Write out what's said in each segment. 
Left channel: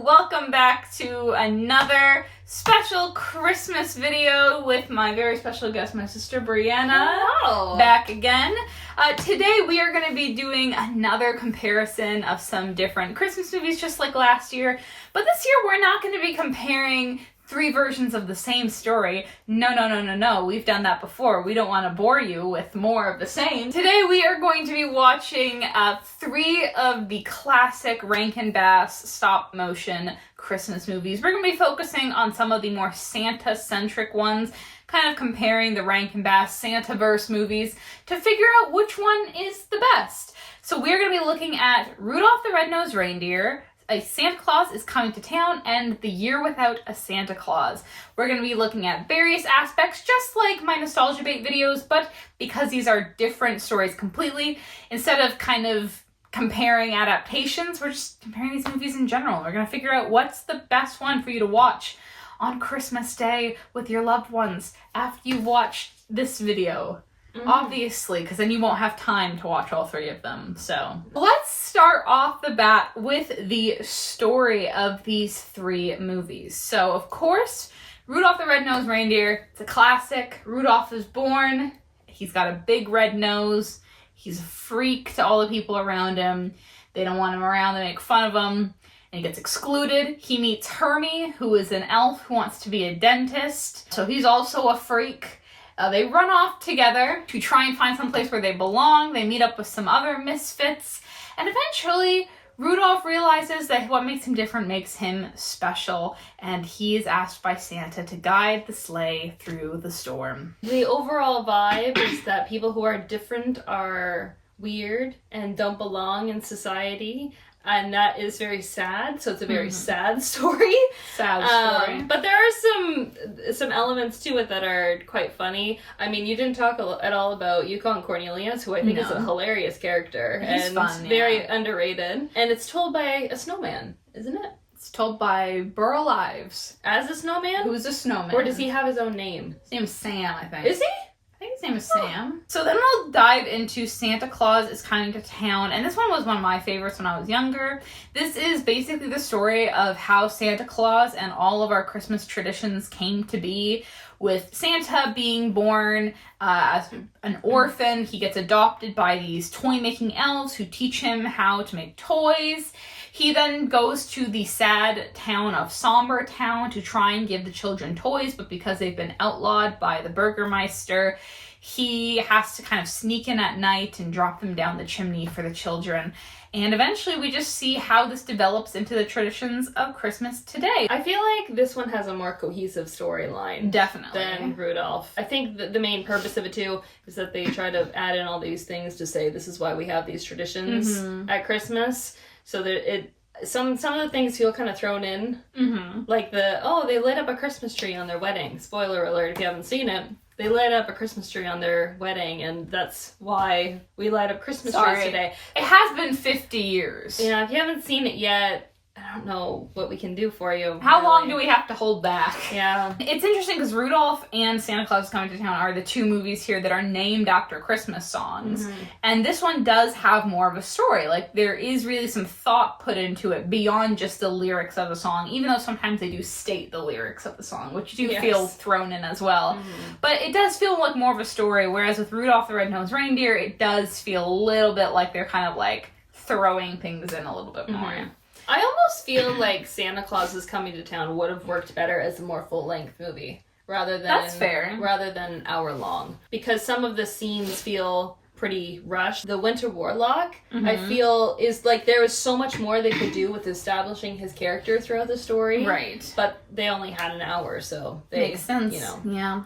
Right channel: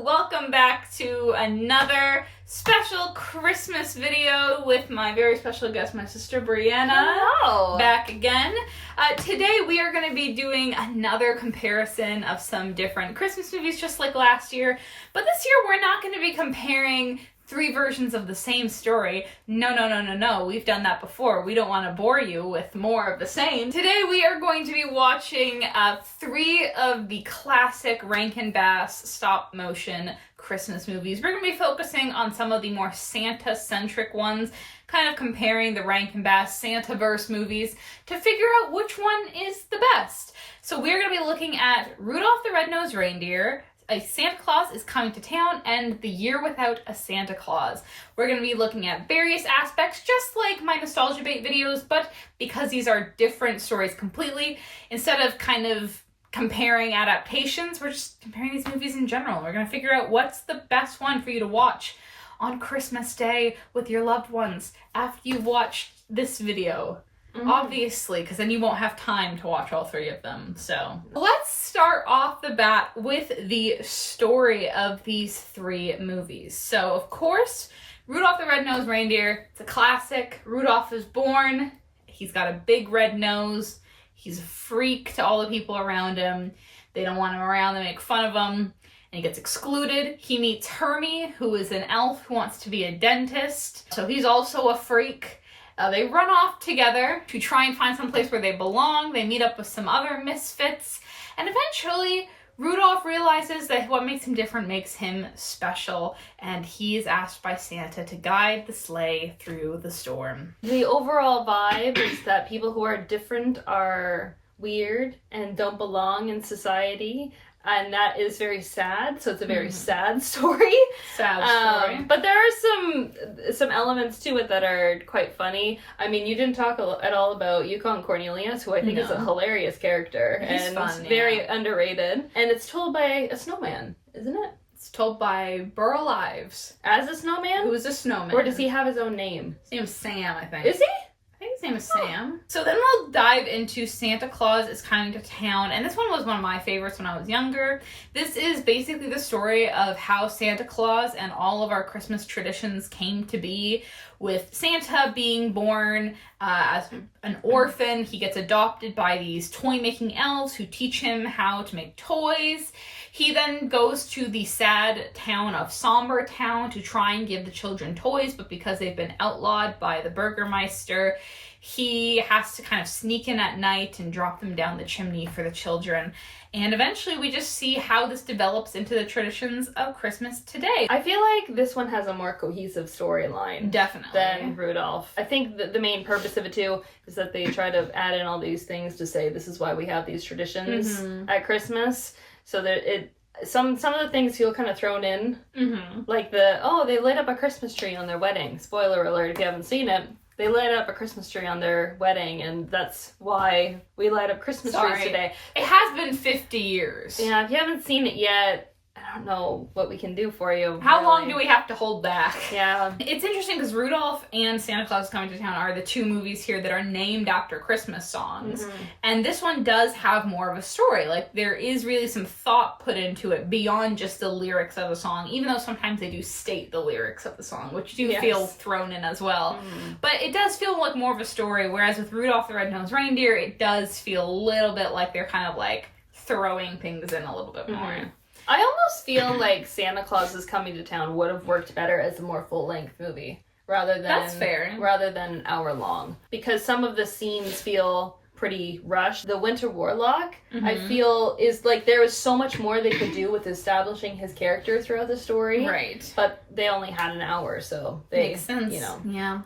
welcome back to another special Christmas video with my very special guest, my sister Brianna. Hello! Back again. Today we are going to be doing another comparison of some different Christmas movies just like last year, but this year we're not going to be comparing three versions of the same story. No. We've done that before. We don't want to bore you with more of the same. Today we are going to be watching three of the classic Rankin-Bass stop motion Christmas movies. We're going to be focusing on some of the more Santa-centric ones, kind of comparing the Rankin-Bass Santa-verse movies to figure out which one is the best. So we're going to be looking at Rudolph the Red-Nosed Reindeer, A Santa Claus is Coming to Town, and The Year Without a Santa Claus. We're going to be looking at various aspects, just like my Nostalgia Bait videos, but because these are different stories completely, instead of kind of comparing adaptations, we're just comparing these movies in general. We're going to figure out what's the best one for you to watch on Christmas Day with your loved ones after you've watched this video. Obviously, because then you won't have time to watch all three of them. So let's start off the bat with the story of these three movies. So of course, Rudolph the Red-Nosed Reindeer, it's a classic. Rudolph is born, he's got a big red nose, he's a freak to all the people around him. They don't want him around, they make fun of him, and he gets excluded. He meets Hermie, who is an elf who wants to be a dentist, so he's also a freak. They run off together to try and find some place where they belong. They meet up with some other misfits. And eventually, Rudolph realizes that what makes him different makes him special. And he is asked by Santa to guide the sleigh through the storm. The overall vibe is that people who are different are weird and don't belong in society. And that is very sad, so it's a very sad story. Sad story. But there are some elements to it that are quite funny. I mean, you didn't talk at all about Yukon Cornelius, who I think is a hilarious character. He's and fun, very underrated. And it's told by a snowman, isn't it? It's told by Burl Ives. As a snowman? Who's a snowman. Or does he have his own name? His name's Sam, I think. Is he? I think his name is Sam. So then we'll dive into Santa Claus is Coming to Town. And this one was one of my favorites when I was younger. This is basically the story of how Santa Claus and all of our Christmas traditions came to be, with Santa being born as an orphan. He gets adopted by these toy-making elves who teach him how to make toys. He then goes to the sad town of Somber Town to try and give the children toys, but because they've been outlawed by the Burgermeister, he has to kind of sneak in at night and drop them down the chimney for the children. And eventually we just see how this develops into the traditions of Christmas today. I feel like this one has a more cohesive storyline. Definitely. Than Rudolph. I think that the main purpose of it too is that they try to add in all these things to say this is why we have these traditions at Christmas. So that some of the things feel kind of thrown in. Like they lit up a Christmas tree on their wedding. Spoiler alert if you haven't seen it. They light up a Christmas tree on their wedding, and that's why we light up Christmas trees today. It has been 50 years. Yeah, if you haven't seen it yet, I don't know what we can do for you. How long do we have to hold back? Yeah. It's interesting because Rudolph and Santa Claus is Coming to Town are the two movies here that are named after Christmas songs. And this one does have more of a story. Like, there is really some thought put into it beyond just the lyrics of the song, even though sometimes they do state the lyrics of the song, which do feel thrown in as well. But it does feel like more of a story, whereas with Rudolph the Red-Nosed Reindeer, it does feel a little bit like they're kind of like throwing things in a little bit more. I almost feel like Santa Claus is Coming to Town would have worked better as a more full-length movie rather than That's fair. Rather than an hour long, because some of the scenes feel pretty rushed. The Winter Warlock, I feel, is like there was so much more they could do with establishing his character throughout the story. Right. But they only had an hour, so they, Makes sense.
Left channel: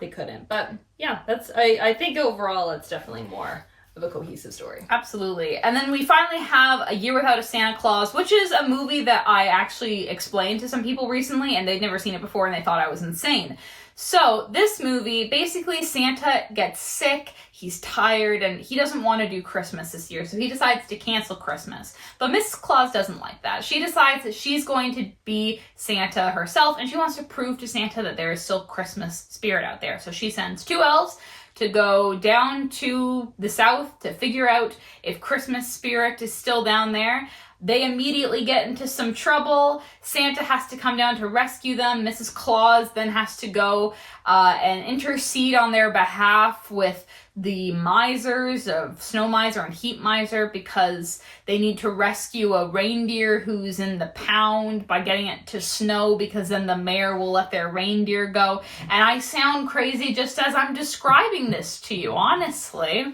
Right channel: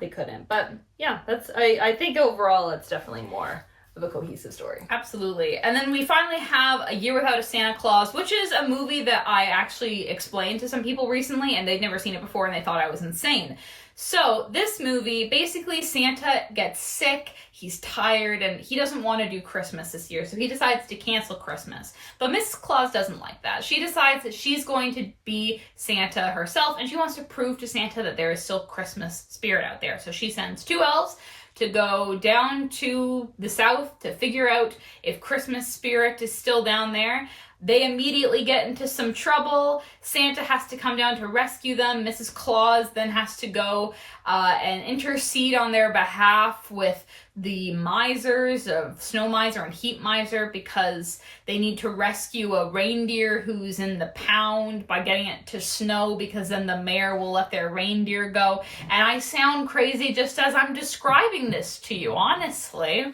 They couldn't. But yeah, I think overall it's definitely more of a cohesive story. Absolutely. And then we finally have A Year Without a Santa Claus, which is a movie that I actually explained to some people recently, and they'd never seen it before, and they thought I was insane. So this movie, basically Santa gets sick, he's tired, and he doesn't want to do Christmas this year, so he decides to cancel Christmas. But Mrs. Claus doesn't like that. She decides that she's going to be Santa herself, and she wants to prove to Santa that there is still Christmas spirit out there. So she sends two elves to go down to the south to figure out if Christmas spirit is still down there. They immediately get into some trouble. Santa has to come down to rescue them. Mrs. Claus then has to go and intercede on their behalf with the misers of Snow Miser and Heat Miser because they need to rescue a reindeer who's in the pound by getting it to snow because then the mayor will let their reindeer go. And I sound crazy just as I'm describing this to you, honestly.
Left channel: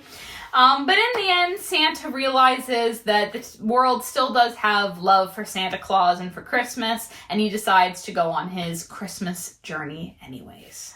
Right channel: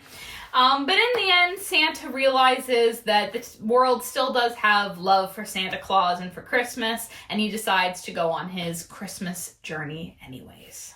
But in the end, Santa realizes that the world still does have love for Santa Claus and for Christmas, and he decides to go on his Christmas journey anyways.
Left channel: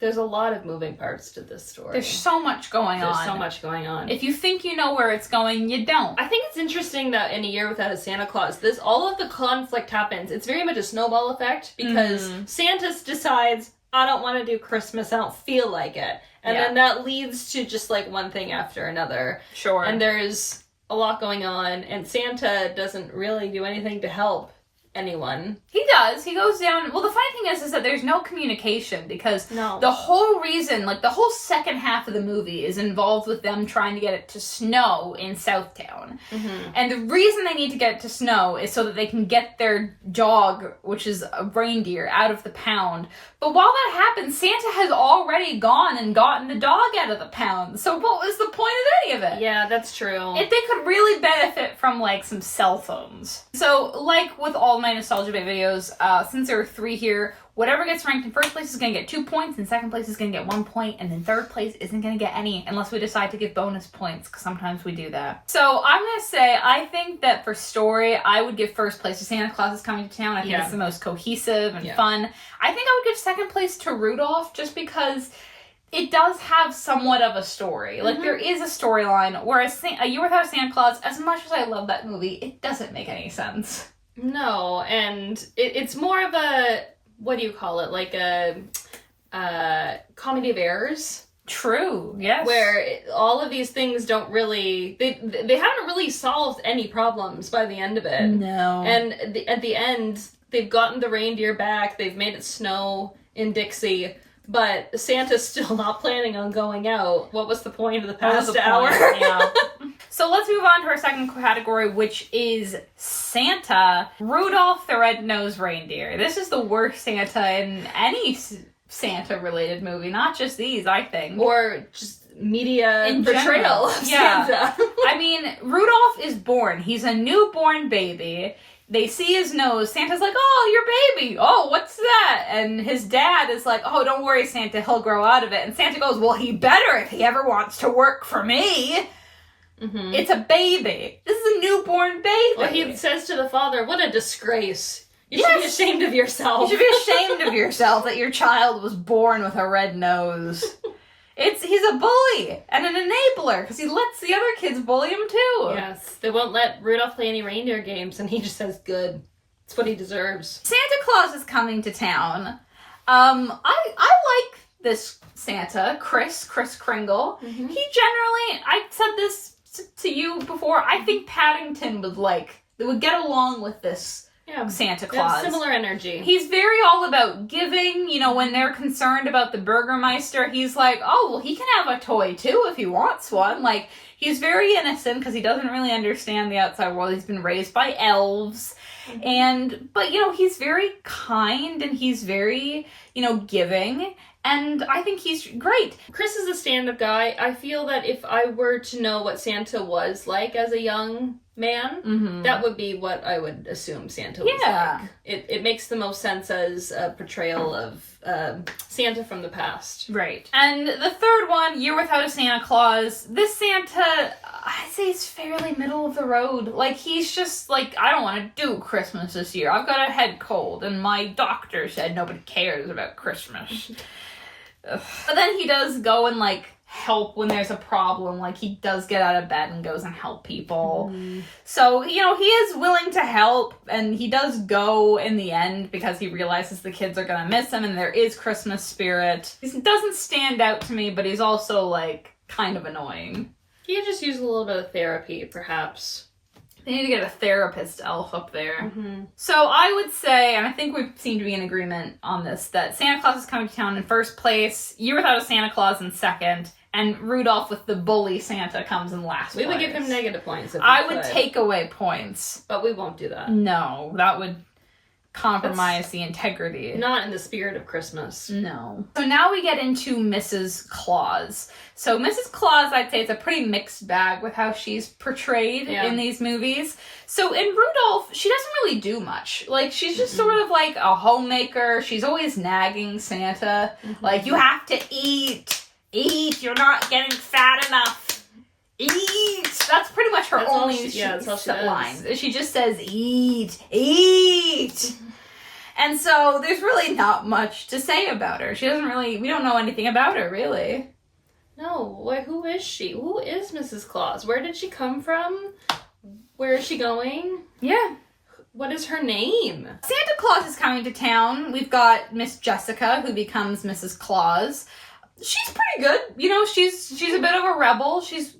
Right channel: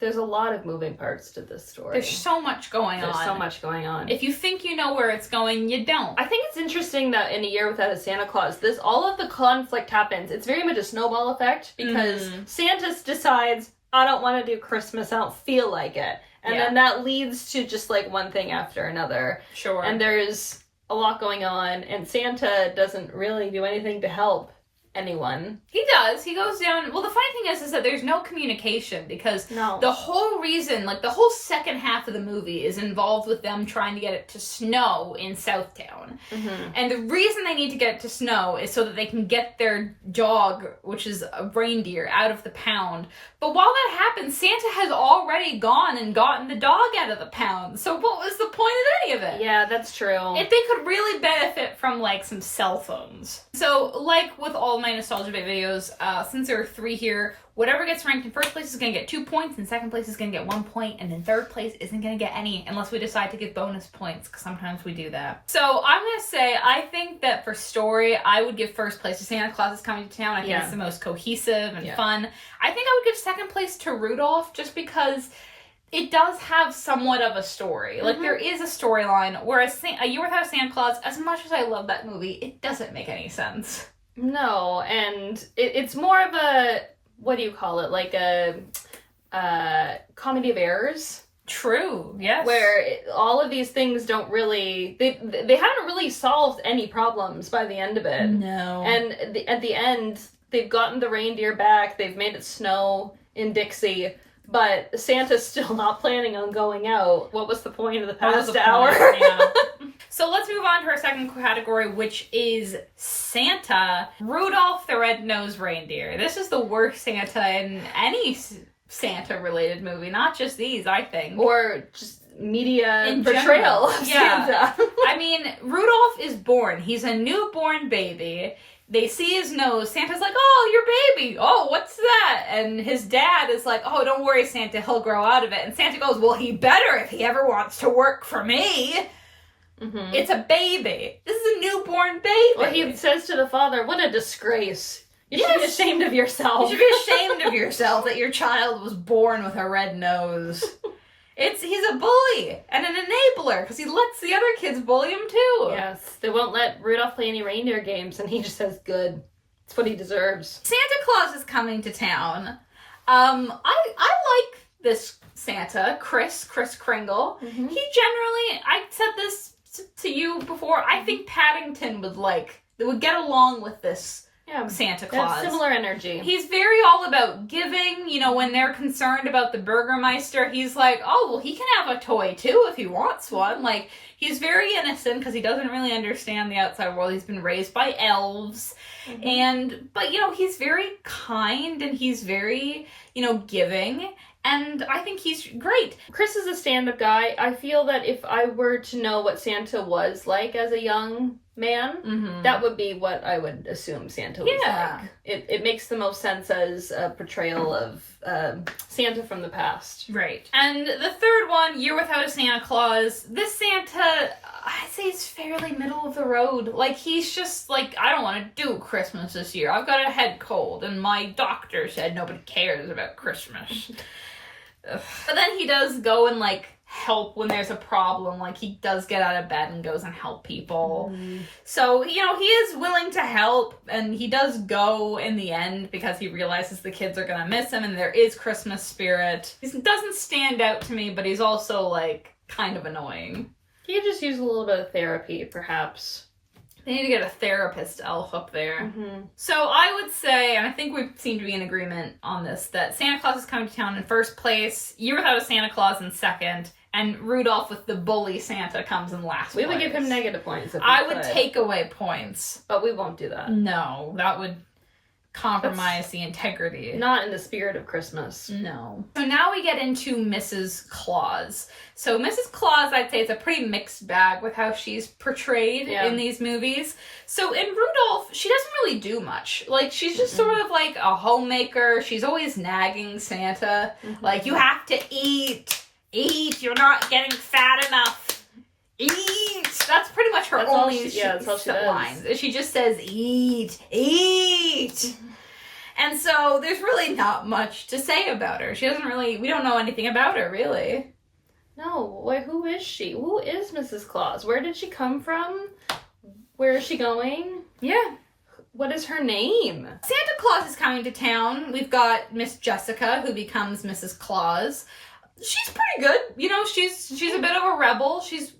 There's a lot of moving parts to this story. There's so much going on. There's so much going on. If you think you know where it's going, you don't. I think it's interesting that in A Year Without a Santa Claus, all of the conflict happens. It's very much a snowball effect because Santa decides, I don't want to do Christmas, I don't feel like it. And then that leads to just like one thing after another. Sure. And there's a lot going on, and Santa doesn't really do anything to help anyone. He does. He goes down. Well, the funny thing is that there's no communication because the whole reason, like the whole second half of the movie is involved with them trying to get it to snow in Southtown. Mm-hmm. And the reason they need to get it to snow is so that they can get their dog, which is a reindeer, out of the pound. But while that happens, Santa has already gone and gotten the dog out of the pound. So what was the point of any of it? Yeah, that's true. If they could really benefit from, like, some cell phones. So, like with all my Nostalgia Bit videos, since there are 3 here, whatever gets ranked in first place is going to get 2 points, and second place is going to get 1 point, and then third place isn't going to get any unless we decide to give bonus points, because sometimes we do that. So I'm going to say, I think that for story, I would give first place to Santa Claus is Coming to Town. I think it's the most cohesive and fun. I think I would give second place to Rudolph, just because it does have somewhat of a story. Like, there is a storyline, whereas A Year Without a Santa Claus, as much as I love that movie, it doesn't make any sense. No, and it's more of a, what do you call it, like a comedy of errors. True, yes. Where all of these things don't really, they haven't really solved any problems by the end of it. No. And at the end, they've gotten the reindeer back, they've made it snow in Dixie, but Santa's still not planning on going out. What was the point of the past hour? Yeah. So let's move on to our second category, which is Santa. Rudolph the Red-Nosed Reindeer. This is the worst Santa in any Santa-related movie, not just these, I think. Or just media in portrayal of Santa. Santa. I mean, Rudolph is born. He's a newborn baby. They see his nose. Santa's like, oh, your baby. Oh, what's that? And his dad is like, oh, don't worry, Santa. He'll grow out of it. And Santa goes, well, he better if he ever wants to work for me. Mm-hmm. It's a baby. This is a newborn baby. Well, he says to the father, what a disgrace. You should be ashamed of yourself. You should be ashamed of yourself that your child was born with a red nose. He's a bully and an enabler because he lets the other kids bully him too. Yes, they won't let Rudolph play any reindeer games, and he just says, good. It's what he deserves. Santa Claus is Coming to Town. I like this Santa, Kris Kringle. Mm-hmm. He generally, I said this to you before, I think Paddington would get along with this Santa Claus. Similar energy. He's very all about giving. You know, when they're concerned about the Burgermeister, he's like, oh, well, he can have a toy too if he wants one. Like, he's very innocent because he doesn't really understand the outside world. He's been raised by elves. Mm-hmm. But, you know, he's very kind and he's very, you know, giving. And I think he's great. Kris is a stand-up guy. I feel that if I were to know what Santa was like as a young man, that would be what I would assume Santa was like. It makes the most sense as a portrayal of Santa from the past. Right. And the third one, Year Without a Santa Claus. This Santa, I'd say, is fairly middle of the road. Like, he's just like, I don't want to do Christmas this year. I've got a head cold, and my doctor said nobody cares about Christmas. But then he does go and, like, help when there's a problem. Like, he does get out of bed and goes and help people. So, you know, he is willing to help, and he does go in the end because he realizes the kids are gonna miss him and there is Christmas spirit. He doesn't stand out to me, but he's also, like, kind of annoying. He could just use a little bit of therapy, perhaps. They need to get a therapist elf up there. So I would say, and I think we seem to be in agreement on this, that Santa Claus is Coming to Town in first place, Year Without a Santa Claus in second, and Rudolph with the bully Santa comes in last place. We would give him negative points if we I would could, take away points. but we won't do that. No, that would compromise the integrity. Not in the spirit of Christmas. No. So now we get into Mrs. Claus. So Mrs. Claus, I'd say, it's a pretty mixed bag with how she's portrayed in these movies. So in Rudolph, she doesn't really do much. Like, she's just sort of like a homemaker. She's always nagging Santa. Like, you have to eat. Eat. You're not getting fat enough. Eat. That's pretty much her only that's all she does. lines. She just says, eat. Eat. And so there's really not much to say about her. She doesn't really, we don't know anything about her, really. No, wait, who is she? Who is Mrs. Claus? Where did she come from? Where is she going? Yeah. What is her name? Santa Claus is coming to town. We've got Miss Jessica, who becomes Mrs. Claus. She's pretty good. You know, she's a bit of a rebel. She's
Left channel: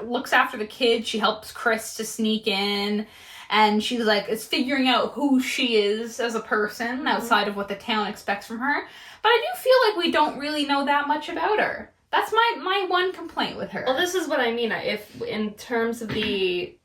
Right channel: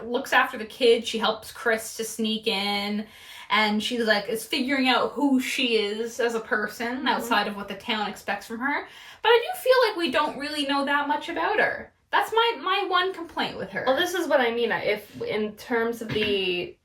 looks after the kids. She helps Chris to sneak in. And she's like, is figuring out who she is as a person outside of what the town expects from her. But I do feel like we don't really know that much about her. That's my one complaint with her. Well, this is what I mean. If in terms of the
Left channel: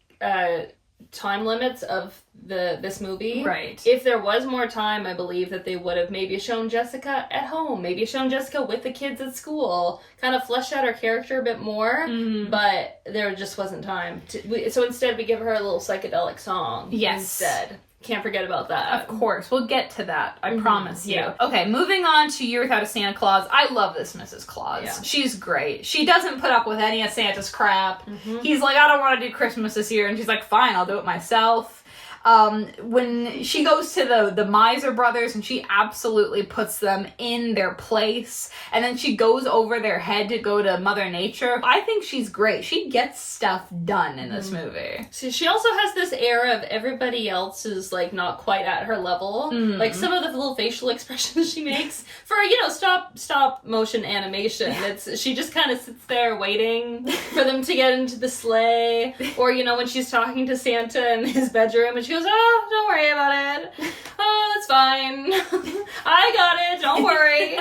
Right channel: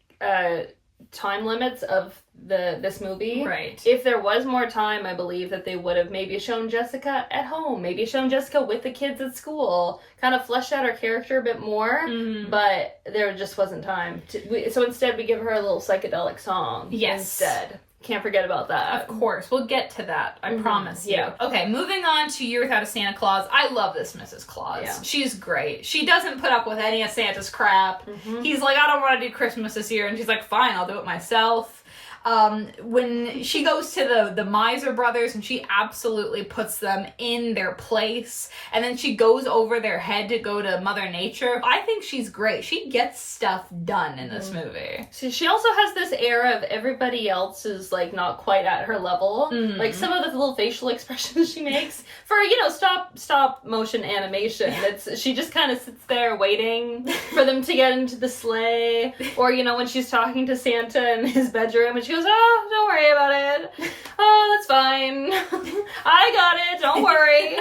time limits of this movie, right? If there was more time, I believe that they would have maybe shown Jessica at home, maybe shown Jessica with the kids at school, kind of fleshed out her character a bit more. But there just wasn't time. So instead, we give her a little psychedelic song. Yes. Instead. Can't forget about that. Of course. We'll get to that. I promise you. Yeah. Okay, moving on to Year Without a Santa Claus. I love this Mrs. Claus. Yeah. She's great. She doesn't put up with any of Santa's crap. He's like, I don't want to do Christmas this year. And she's like, fine, I'll do it myself. When she goes to the Miser brothers and she absolutely puts them in their place, and then she goes over their head to go to Mother Nature, I think she's great. She gets stuff done in this movie. So she also has this air of everybody else is like not quite at her level. Like some of the little facial expressions she makes for, stop motion animation. She just kind of sits there waiting for them to get into the sleigh, or when she's talking to Santa in his bedroom and she goes, oh, don't worry about it. Oh, that's fine. I got it. Don't worry.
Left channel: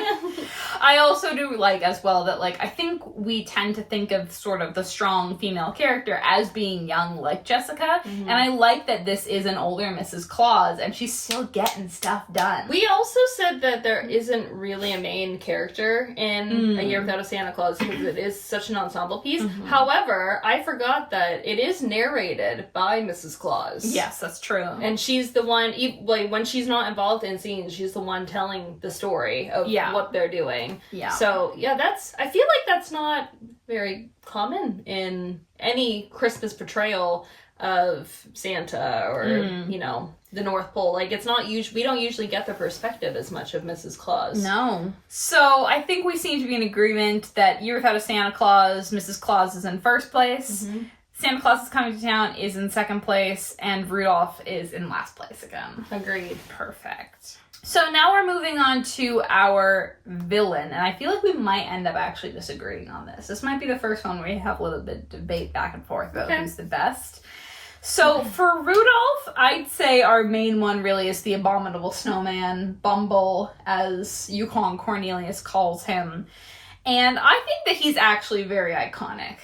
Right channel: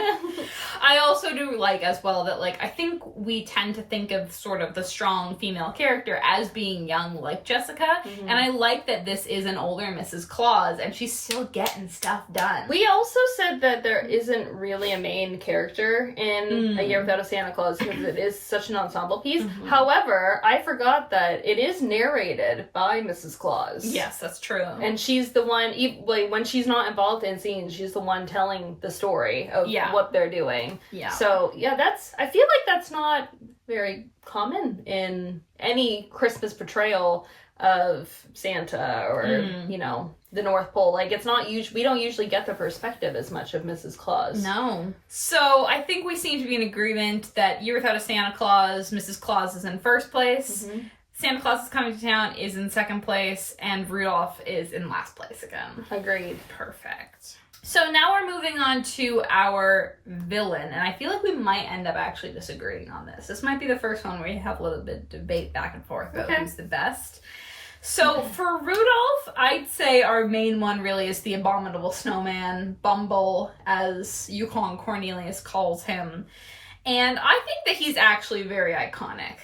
I also do like as well that I think we tend to think of sort of the strong female character as being young like Jessica. And I like that this is an older Mrs. Claus and she's still getting stuff done. We also said that there isn't really a main character in A Year Without a Santa Claus because it is such an ensemble piece. However, I forgot that it is narrated by Mrs. Claus. Yes, that's true. And she's the one, when she's not involved in scenes, she's the one telling the story of what they're doing. Yeah. So, I feel like that's not very common in any Christmas portrayal of Santa or, the North Pole. It's not we don't usually get the perspective as much of Mrs. Claus. No. So, I think we seem to be in agreement that Year Without a Santa Claus, Mrs. Claus is in first place. Santa Claus is Coming to Town is in second place, and Rudolph is in last place again. Agreed. Perfect. So now we're moving on to our villain, and I feel like we might end up actually disagreeing on this. This might be the first one where we have a little bit of debate back and forth about who's the best. So for Rudolph, I'd say our main one really is the Abominable Snowman, Bumble, as Yukon Cornelius calls him. And I think that he's actually very iconic.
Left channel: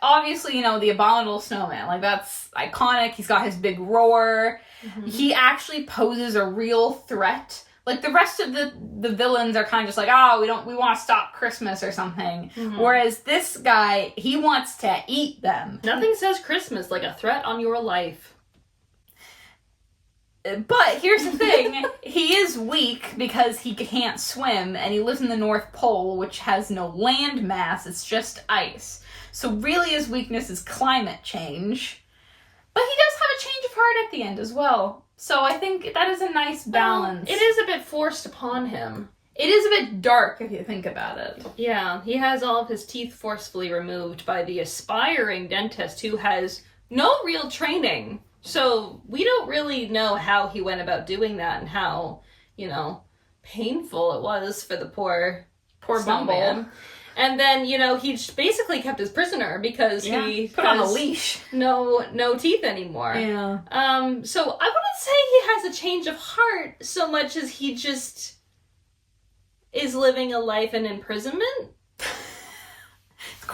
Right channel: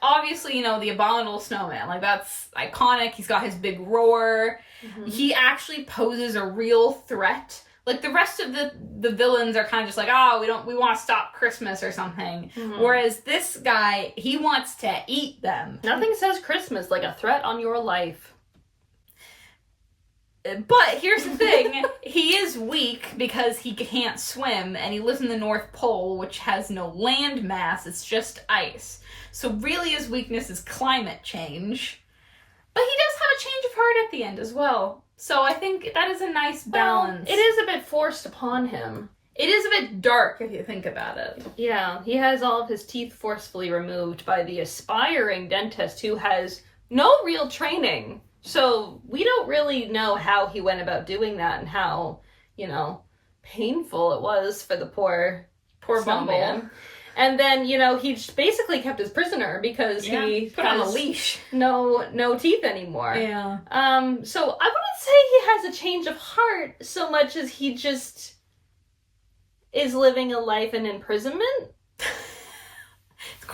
Obviously, the Abominable Snowman, that's iconic. He's got his big roar. He actually poses a real threat. The rest of the villains are kind of just we want to stop Christmas or something. Whereas this guy, he wants to eat them. Nothing says Christmas like a threat on your life. But here's the thing, he is weak because he can't swim, and he lives in the North Pole, which has no land mass, it's just ice. So really his weakness is climate change. But he does have a change of heart at the end as well. So I think that is a nice balance. Well, it is a bit forced upon him. It is a bit dark if you think about it. Yeah, he has all of his teeth forcefully removed by the aspiring dentist who has no real training. So we don't really know how he went about doing that and how, painful it was for the poor Bumble. And then, he basically kept his prisoner because he put on a leash. No teeth anymore. Yeah. So I wouldn't say he has a change of heart so much as he just is living a life in imprisonment.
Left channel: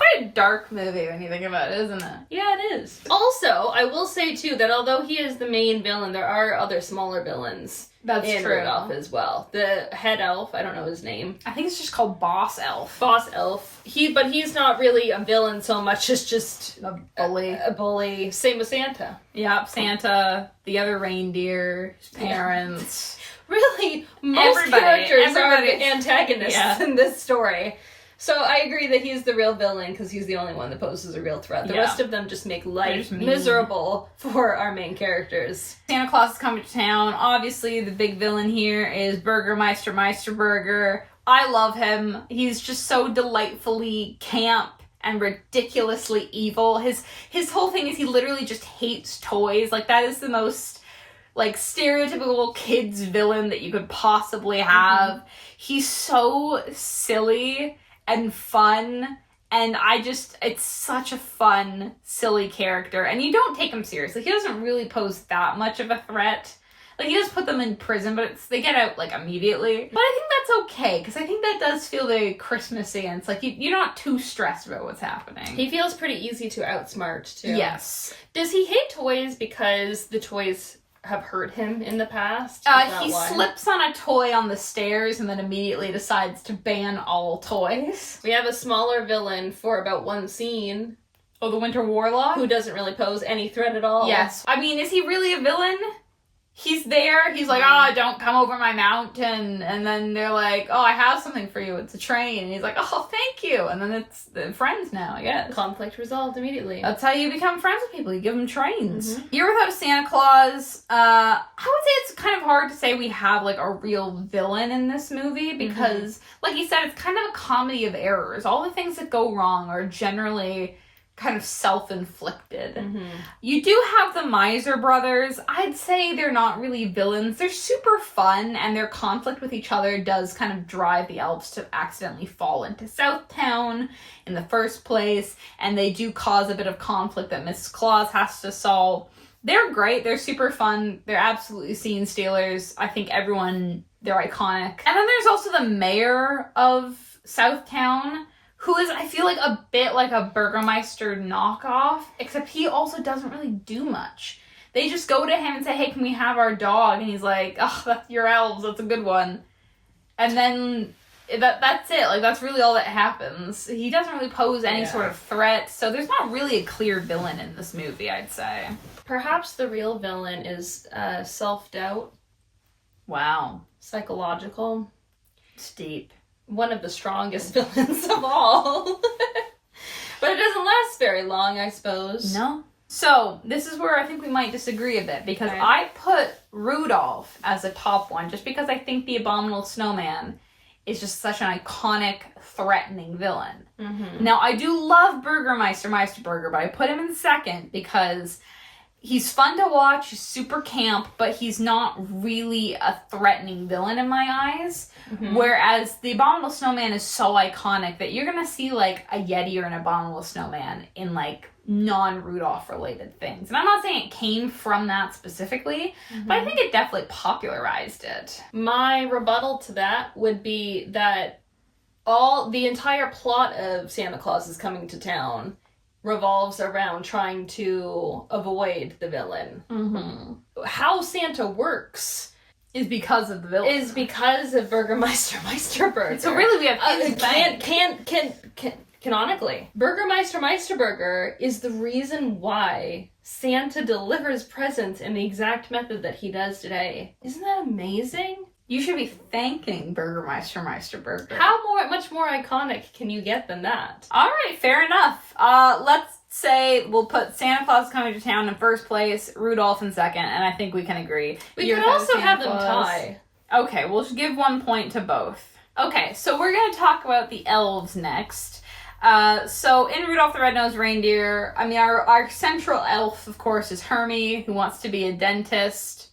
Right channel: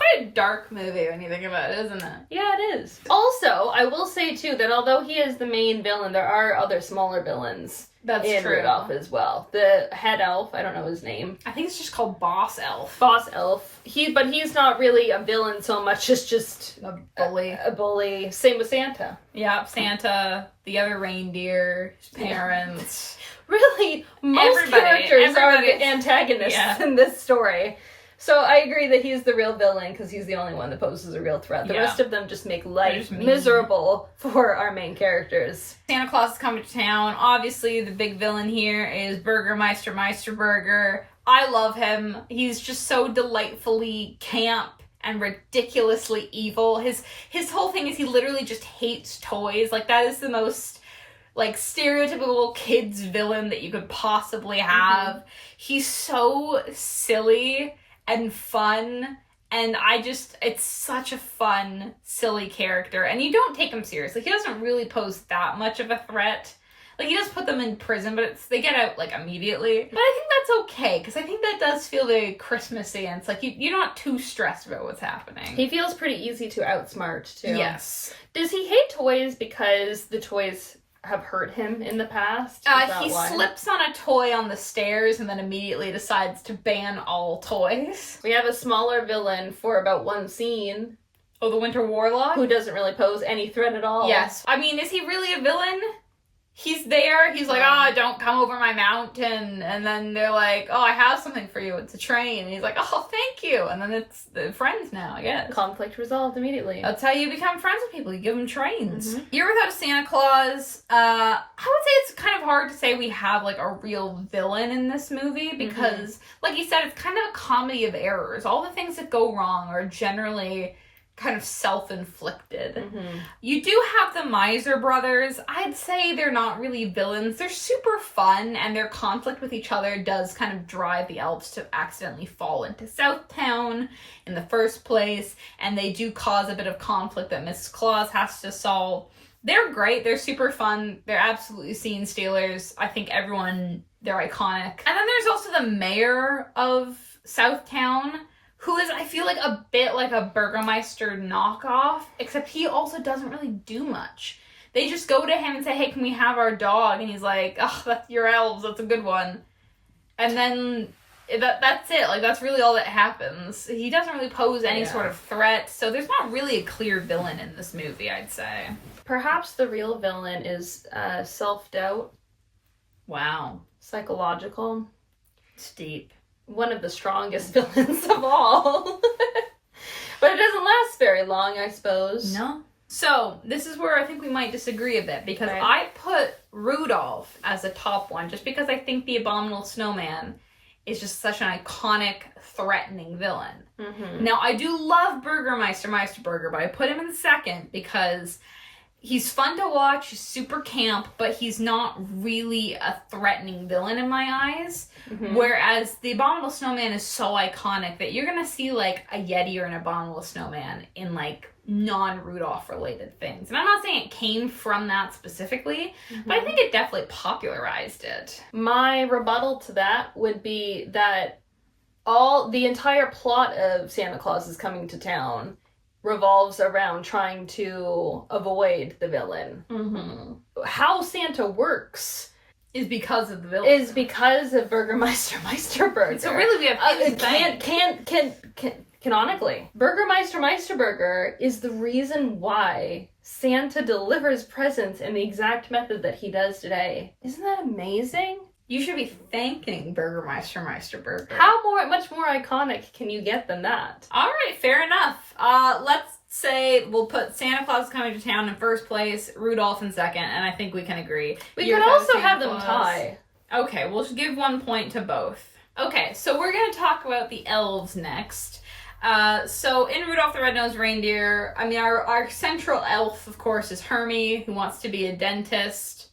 quite a dark movie when you think about it, isn't it? Yeah, it is. Also, I will say, too, that although he is the main villain, there are other smaller villains in true. Rudolph as well. The head elf, I don't know his name. I think it's just called Boss Elf. Boss elf. But he's not really a villain so much as just A bully. A bully. Same with Santa. Yep, Santa, the other reindeer, his parents. Really, most characters are the antagonists Yeah. in this story. So I agree that he's the real villain because he's the only one that poses a real threat. The rest of them just make life miserable for our main characters. Santa Claus is coming to town. Obviously, the big villain here is Burgermeister Meisterburger. I love him. He's just so delightfully camp and ridiculously evil. His whole thing is he literally just hates toys. Like, that is the most, like, stereotypical kids villain that you could possibly have. Mm-hmm. He's so silly and fun, and it's such a fun, silly character, and you don't take him seriously. He doesn't really pose that much of a threat. Like, he does put them in prison, but they get out, like, immediately. But I think that's okay, because I think that does feel very Christmassy, and it's like, you're not too stressed about what's happening. He feels pretty easy to outsmart, too. Yes. Does he hate toys because the toys have hurt him in the past? He slips on a toy on the stairs and then immediately decides to ban all toys. We have a smaller villain for about one scene. Oh, the Winter Warlock? Who doesn't really pose any threat at all. Yes. I mean, is he really a villain? He's there, he's like, don't come over my mountain, and then they're like, I have something for you, it's a train, and he's like, thank you, and then it's friends now, I guess. Conflict resolved immediately. That's how you become friends with people, you give them trains. Mm-hmm. Year Without a Santa Claus, I would say it's kind of hard to say we have, like, a real villain in this movie, because, like you said, it's kind of a comedy of errors. All the things that go wrong are generally kind of self-inflicted. Mm-hmm. You do have the Miser brothers. I'd say they're not really villains. They're super fun, and their conflict with each other does kind of drive the elves to accidentally fall into Southtown in the first place, and they do cause a bit of conflict that Mrs. Claus has to solve. They're great. They're super fun. They're absolutely scene stealers. I think they're iconic. And then there's also the mayor of Southtown, who is, I feel like, a bit like a Burgermeister knockoff, except he also doesn't really do much. They just go to him and say, hey, can we have our dog? And he's like, that's your elves, that's a good one. And then that's it. Like, that's really all that happens. He doesn't really pose any sort of threat, so there's not really a clear villain in this movie, I'd say. Perhaps the real villain is self-doubt. Wow. Psychological. It's deep. One of the strongest villains of all. But it doesn't last very long, I suppose. No. So, this is where I think we might disagree a bit, because I put Rudolph as a top one, just because I think the Abominable Snowman is just such an iconic, threatening villain. Mm-hmm. Now, I do love Burgermeister Meisterburger, but I put him in second because he's fun to watch, he's super camp, but he's not really a threatening villain in my eyes. Mm-hmm. Whereas the Abominable Snowman is so iconic that you're gonna see, like, a Yeti or an Abominable Snowman in, like, non-Rudolph related things. And I'm not saying it came from that specifically, but I think it definitely popularized it. My rebuttal to that would be that the entire plot of Santa Claus is Coming to Town revolves around trying to avoid the villain. Mm-hmm. How Santa works is because of the villain. Is because of Burgermeister Meisterburger. So really we have canonically, Burgermeister Meisterburger is the reason why Santa delivers presents in the exact method that he does today. Isn't that amazing? You should be thanking Burgermeister Meisterburger. How much more iconic can you get than that? All right, fair enough. Let's say we'll put Santa Claus Coming to Town in first place, Rudolph in second, and I think we can agree. We could also have them tie. Okay, we'll just give 1 point to both. Okay, so we're going to talk about the elves next. So in Rudolph the Red-Nosed Reindeer, I mean, our central elf, of course, is Hermie, who wants to be a dentist.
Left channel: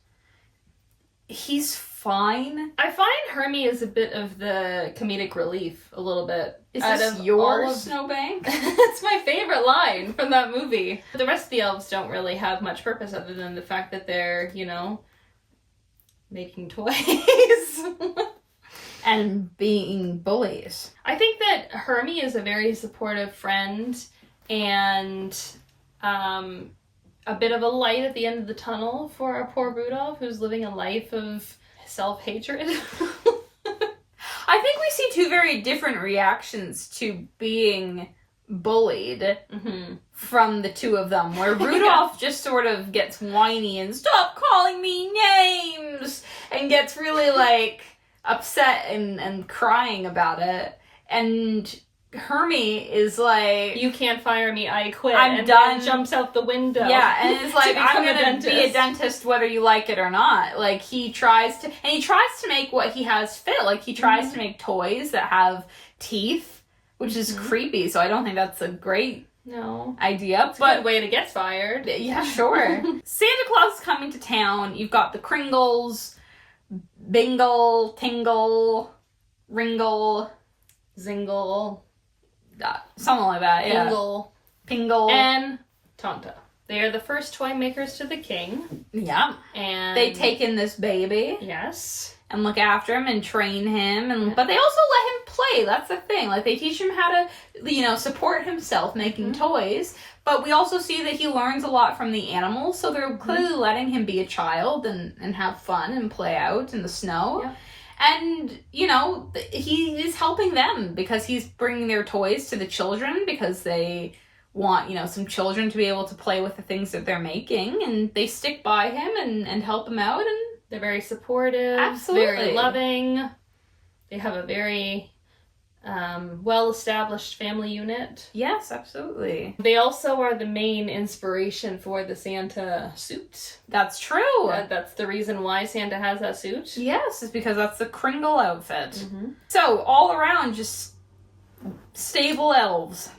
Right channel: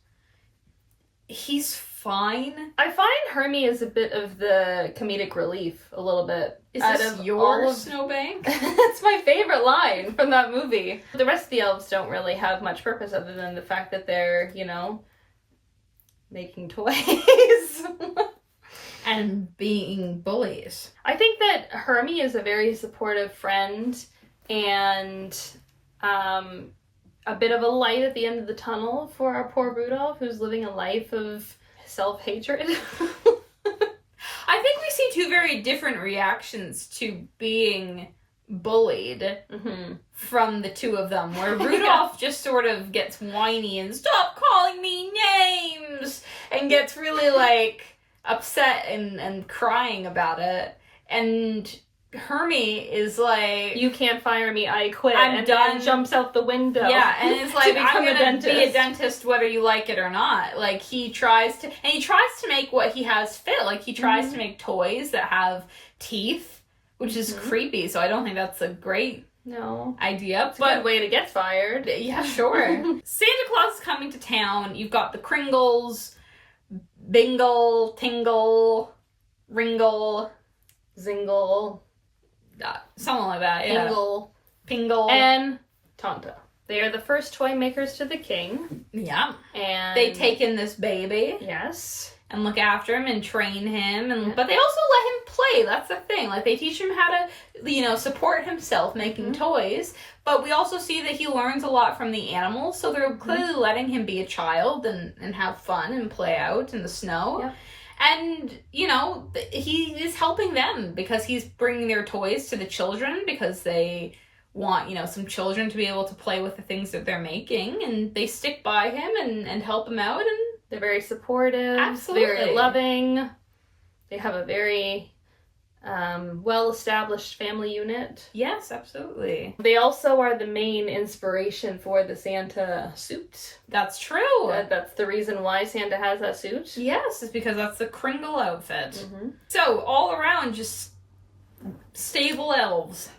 He's fine. I find Hermie is a bit of the comedic relief, a little bit. Is this your Snowbank? It's my favorite line from that movie. The rest of the elves don't really have much purpose other than the fact that they're, making toys. and being bullies. I think that Hermie is a very supportive friend and a bit of a light at the end of the tunnel for our poor Rudolph, who's living a life of self-hatred. I think we see two very different reactions to being bullied from the two of them, where Rudolph just sort of gets whiny and stop calling me names and gets really like upset and crying about it, and Hermie is like, you can't fire me, I quit. I'm done. Then jumps out the window. Yeah, and it's like, I'm gonna be a dentist. dentist whether you like it or not. Like, he tries to make what he has fit. Like, he tries to make toys that have teeth, which is creepy, so I don't think that's a great idea. It's a good way to get fired. Yeah, sure. Santa Claus is coming to town. You've got the Kringles, Bingle, Tingle, Ringle, Zingle, something like that, yeah. Pingle, Pingle. and Tonto. They are the first toy makers to the king. Yeah. And they take in this baby. Yes. And look after him and train him. But they also let him play. That's the thing. Like, they teach him how to, support himself making toys. But we also see that he learns a lot from the animals. So they're clearly letting him be a child and have fun and play out in the snow. Yeah. And, he is helping them because he's bringing their toys to the children because they want, some children to be able to play with the things that they're making. And they stick by him and help him out. And they're very supportive. Absolutely. Very loving. They have a very well-established family unit. yes, absolutely. They also are the main inspiration for the Santa suit. That's true. That's the reason why Santa has that suit. Yes, it's because that's the Kringle outfit. So, all around, just stable elves.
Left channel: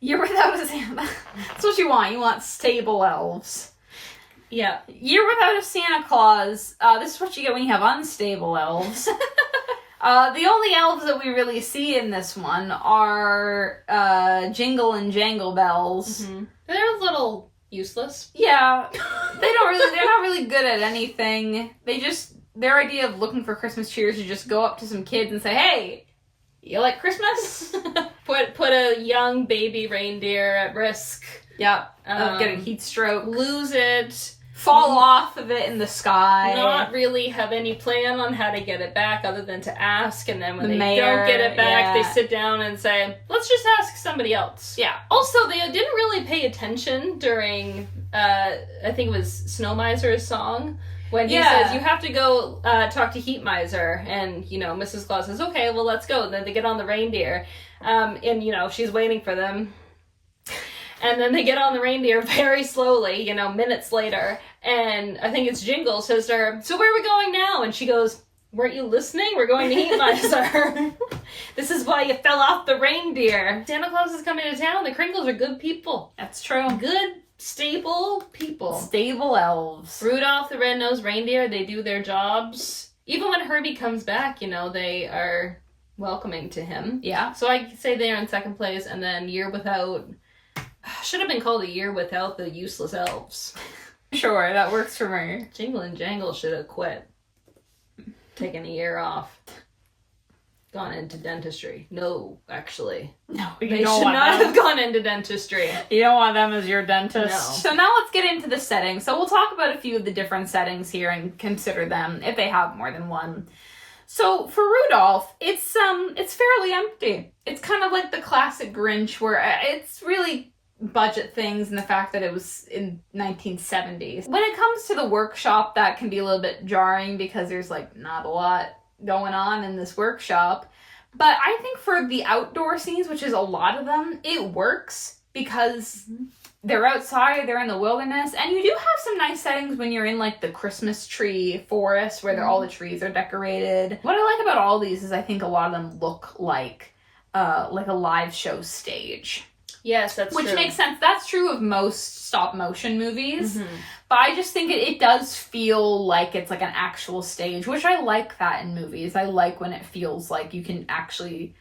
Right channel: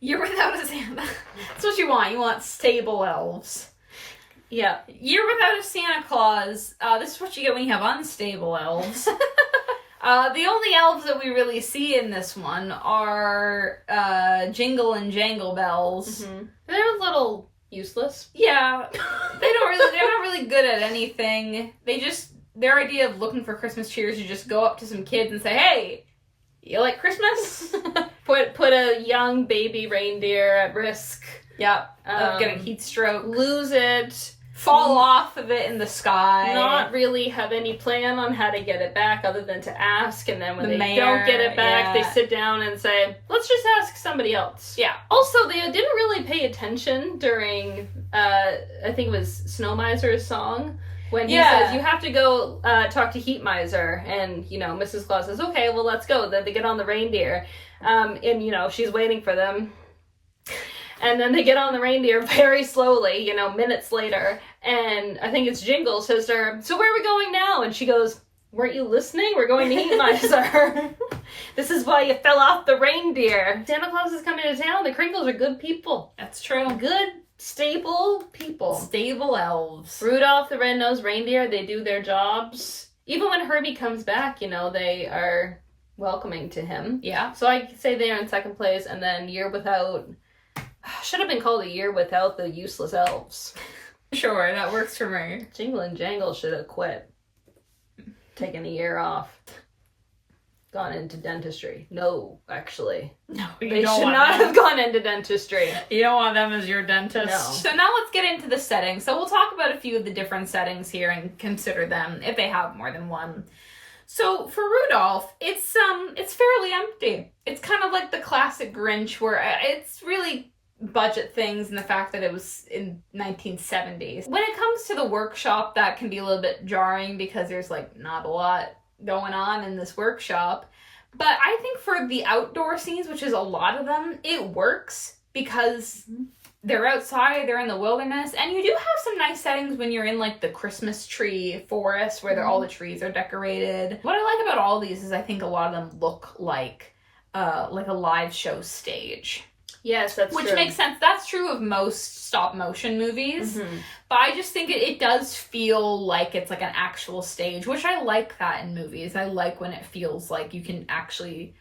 Year without a Santa. That's what you want. You want stable elves. Yeah. Year without a Santa Claus. This is what you get when you have unstable elves. The only elves that we really see in this one are Jingle and Jangle Bells. They're a little useless. Yeah, they're not really good at anything. Their idea of looking for Christmas cheers is just go up to some kids and say, hey, you like Christmas? Put a young baby reindeer at risk. Yeah, of getting heat stroke. Lose it. Fall off of it in the sky. Not really have any plan on how to get it back other than to ask, and then when The they mayor, don't get it back, yeah. they sit down and say, let's just ask somebody else. Yeah. Also, they didn't really pay attention during, I think it was Snow Miser's song, when he says, you have to go talk to Heat Miser, and, Mrs. Claus says, okay, well, let's go. Then they get on the reindeer, and, she's waiting for them. And then they get on the reindeer very slowly, minutes later. And I think it's Jingle says to her, so where are we going now? And she goes, weren't you listening? We're going to Heat Miser. This is why you fell off the reindeer. Santa Claus is coming to town. The Kringles are good people. That's true. Good, stable people. Stable elves. Rudolph the Red-Nosed Reindeer, they do their jobs. Even when Herbie comes back, they are welcoming to him. Yeah. So I say they're in second place, and then Year Without... Should have been called A Year Without the Useless Elves. Sure, that works for me. Jingle and Jangle should have quit. Taken a year off. Gone into dentistry. No, actually. No, They should not have gone into dentistry. You don't want them as your dentist. No. So now let's get into the settings. So we'll talk about a few of the different settings here and consider them if they have more than one. So for Rudolph, it's fairly empty. It's kind of like the classic Grinch where it's really budget things and the fact that it was in 1970s. When it comes to the workshop, that can be a little bit jarring because there's not a lot going on in this workshop. But I think for the outdoor scenes, which is a lot of them, it works because they're outside, they're in the wilderness, and you do have some nice settings when you're in the Christmas tree forest where all the trees are decorated. What I like about all these is I think a lot of them look like a live show stage. Yes, that's true. Which makes sense. That's true of most stop motion movies. But I just think it does feel like it's like an actual stage, which I like that in movies. I like when it feels like you can actually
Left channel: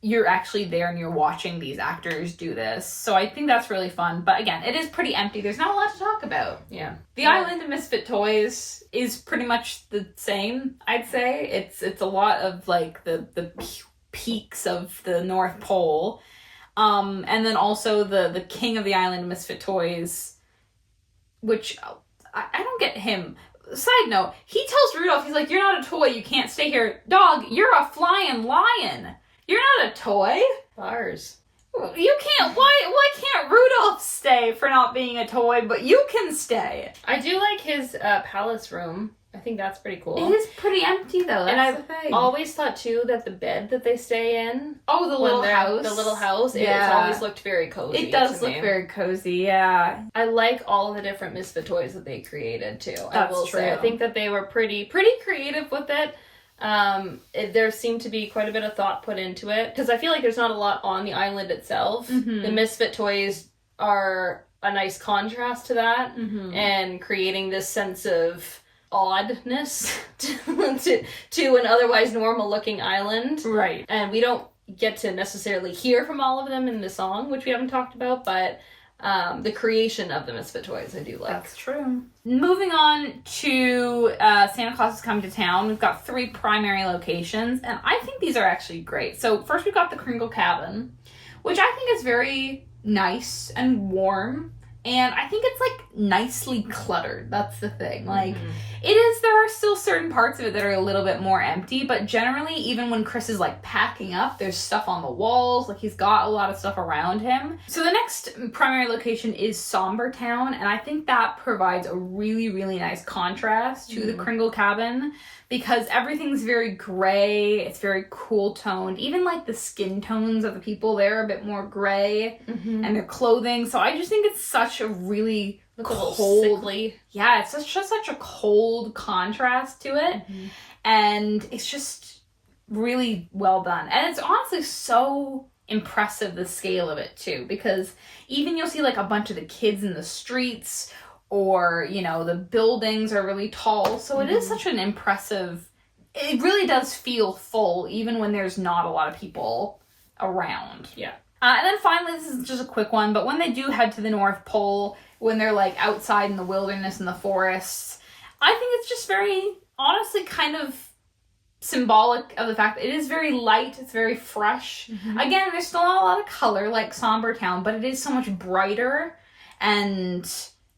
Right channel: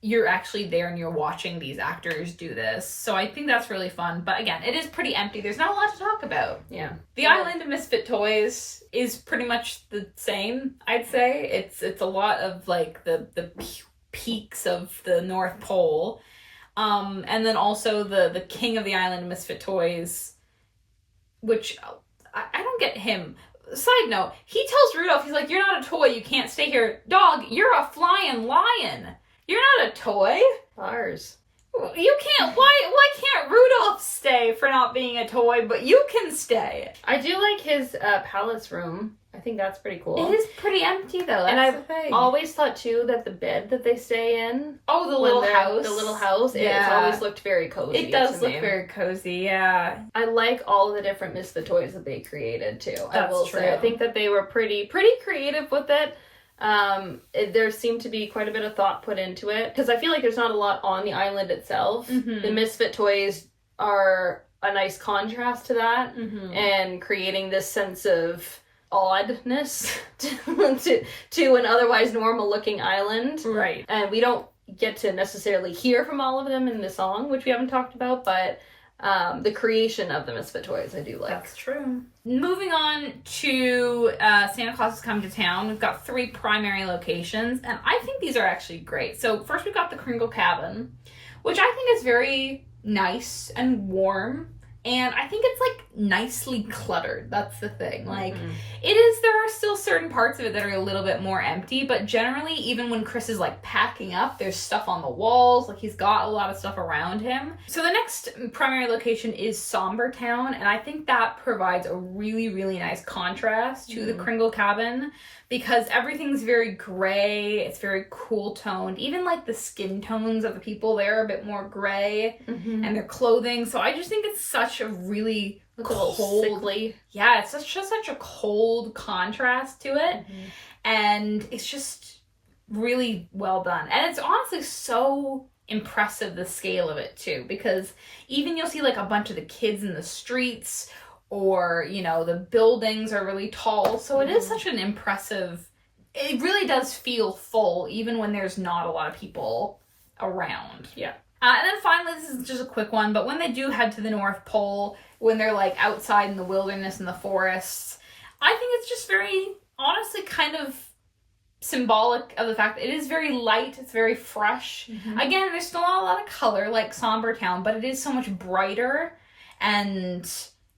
you're actually there and you're watching these actors do this. So I think that's really fun. But again, it is pretty empty. There's not a lot to talk about. Yeah. The Island of Misfit Toys is pretty much the same, I'd say. It's a lot of like the peaks of the North Pole. And then also the King of the Island of Misfit Toys, which I don't get him. Side note, he tells Rudolph, he's like, you're not a toy, you can't stay here. Dog, you're a flying lion. You're not a toy. Bars. You can't, why can't Rudolph stay for not being a toy, but you can stay? I do like his palace room. I think that's pretty cool. It is pretty empty though, that's and I've the thing. always thought too that the bed that they stay in, the little house, it's always looked very cozy. It does look very cozy, yeah. I like all the different Misfit toys that they created too. That's I will true. say, I think that they were pretty creative with it. There seemed to be quite a bit of thought put into it because I feel like there's not a lot on the island itself. Mm-hmm. The Misfit toys are a nice contrast to that, and creating this sense of oddness to an otherwise normal looking island. Right. And we don't get to necessarily hear from all of them in the song, which we haven't talked about, but the creation of the Misfit toys I do like. That's true. Moving on to Santa Claus is Coming to Town, we've got 3 primary locations, and I think these are actually great. So first we've got the Kringle Cabin, which I think is very nice and warm. And I think it's like nicely cluttered. That's the thing. Like there are still certain parts of it that are a little bit more empty, but generally even when Chris is like packing up, there's stuff on the walls, like he's got a lot of stuff around him. So the next primary location is Somber Town, and I think that provides a really, really nice contrast to the Kringle Cabin because everything's very gray, it's very cool toned. Even like the skin tones of the people there are a bit more gray and their clothing. So I just think it's such a really cold, sickly. Yeah, it's just such a cold contrast to it. And it's just really well done. And it's honestly so impressive, the scale of it too, because even you'll see like a bunch of the kids in the streets, or, you know, the buildings are really tall. So it is such an impressive, it really does feel full, even when there's not a lot of people around. Yeah. And then finally, this is just a quick one, but when they do head to the North Pole, when they're like outside in the wilderness and the forests, I think it's just very, honestly, kind of symbolic of the fact that it is very light, it's very fresh. Again, there's still not a lot of color like Somber Town, but it is so much brighter, and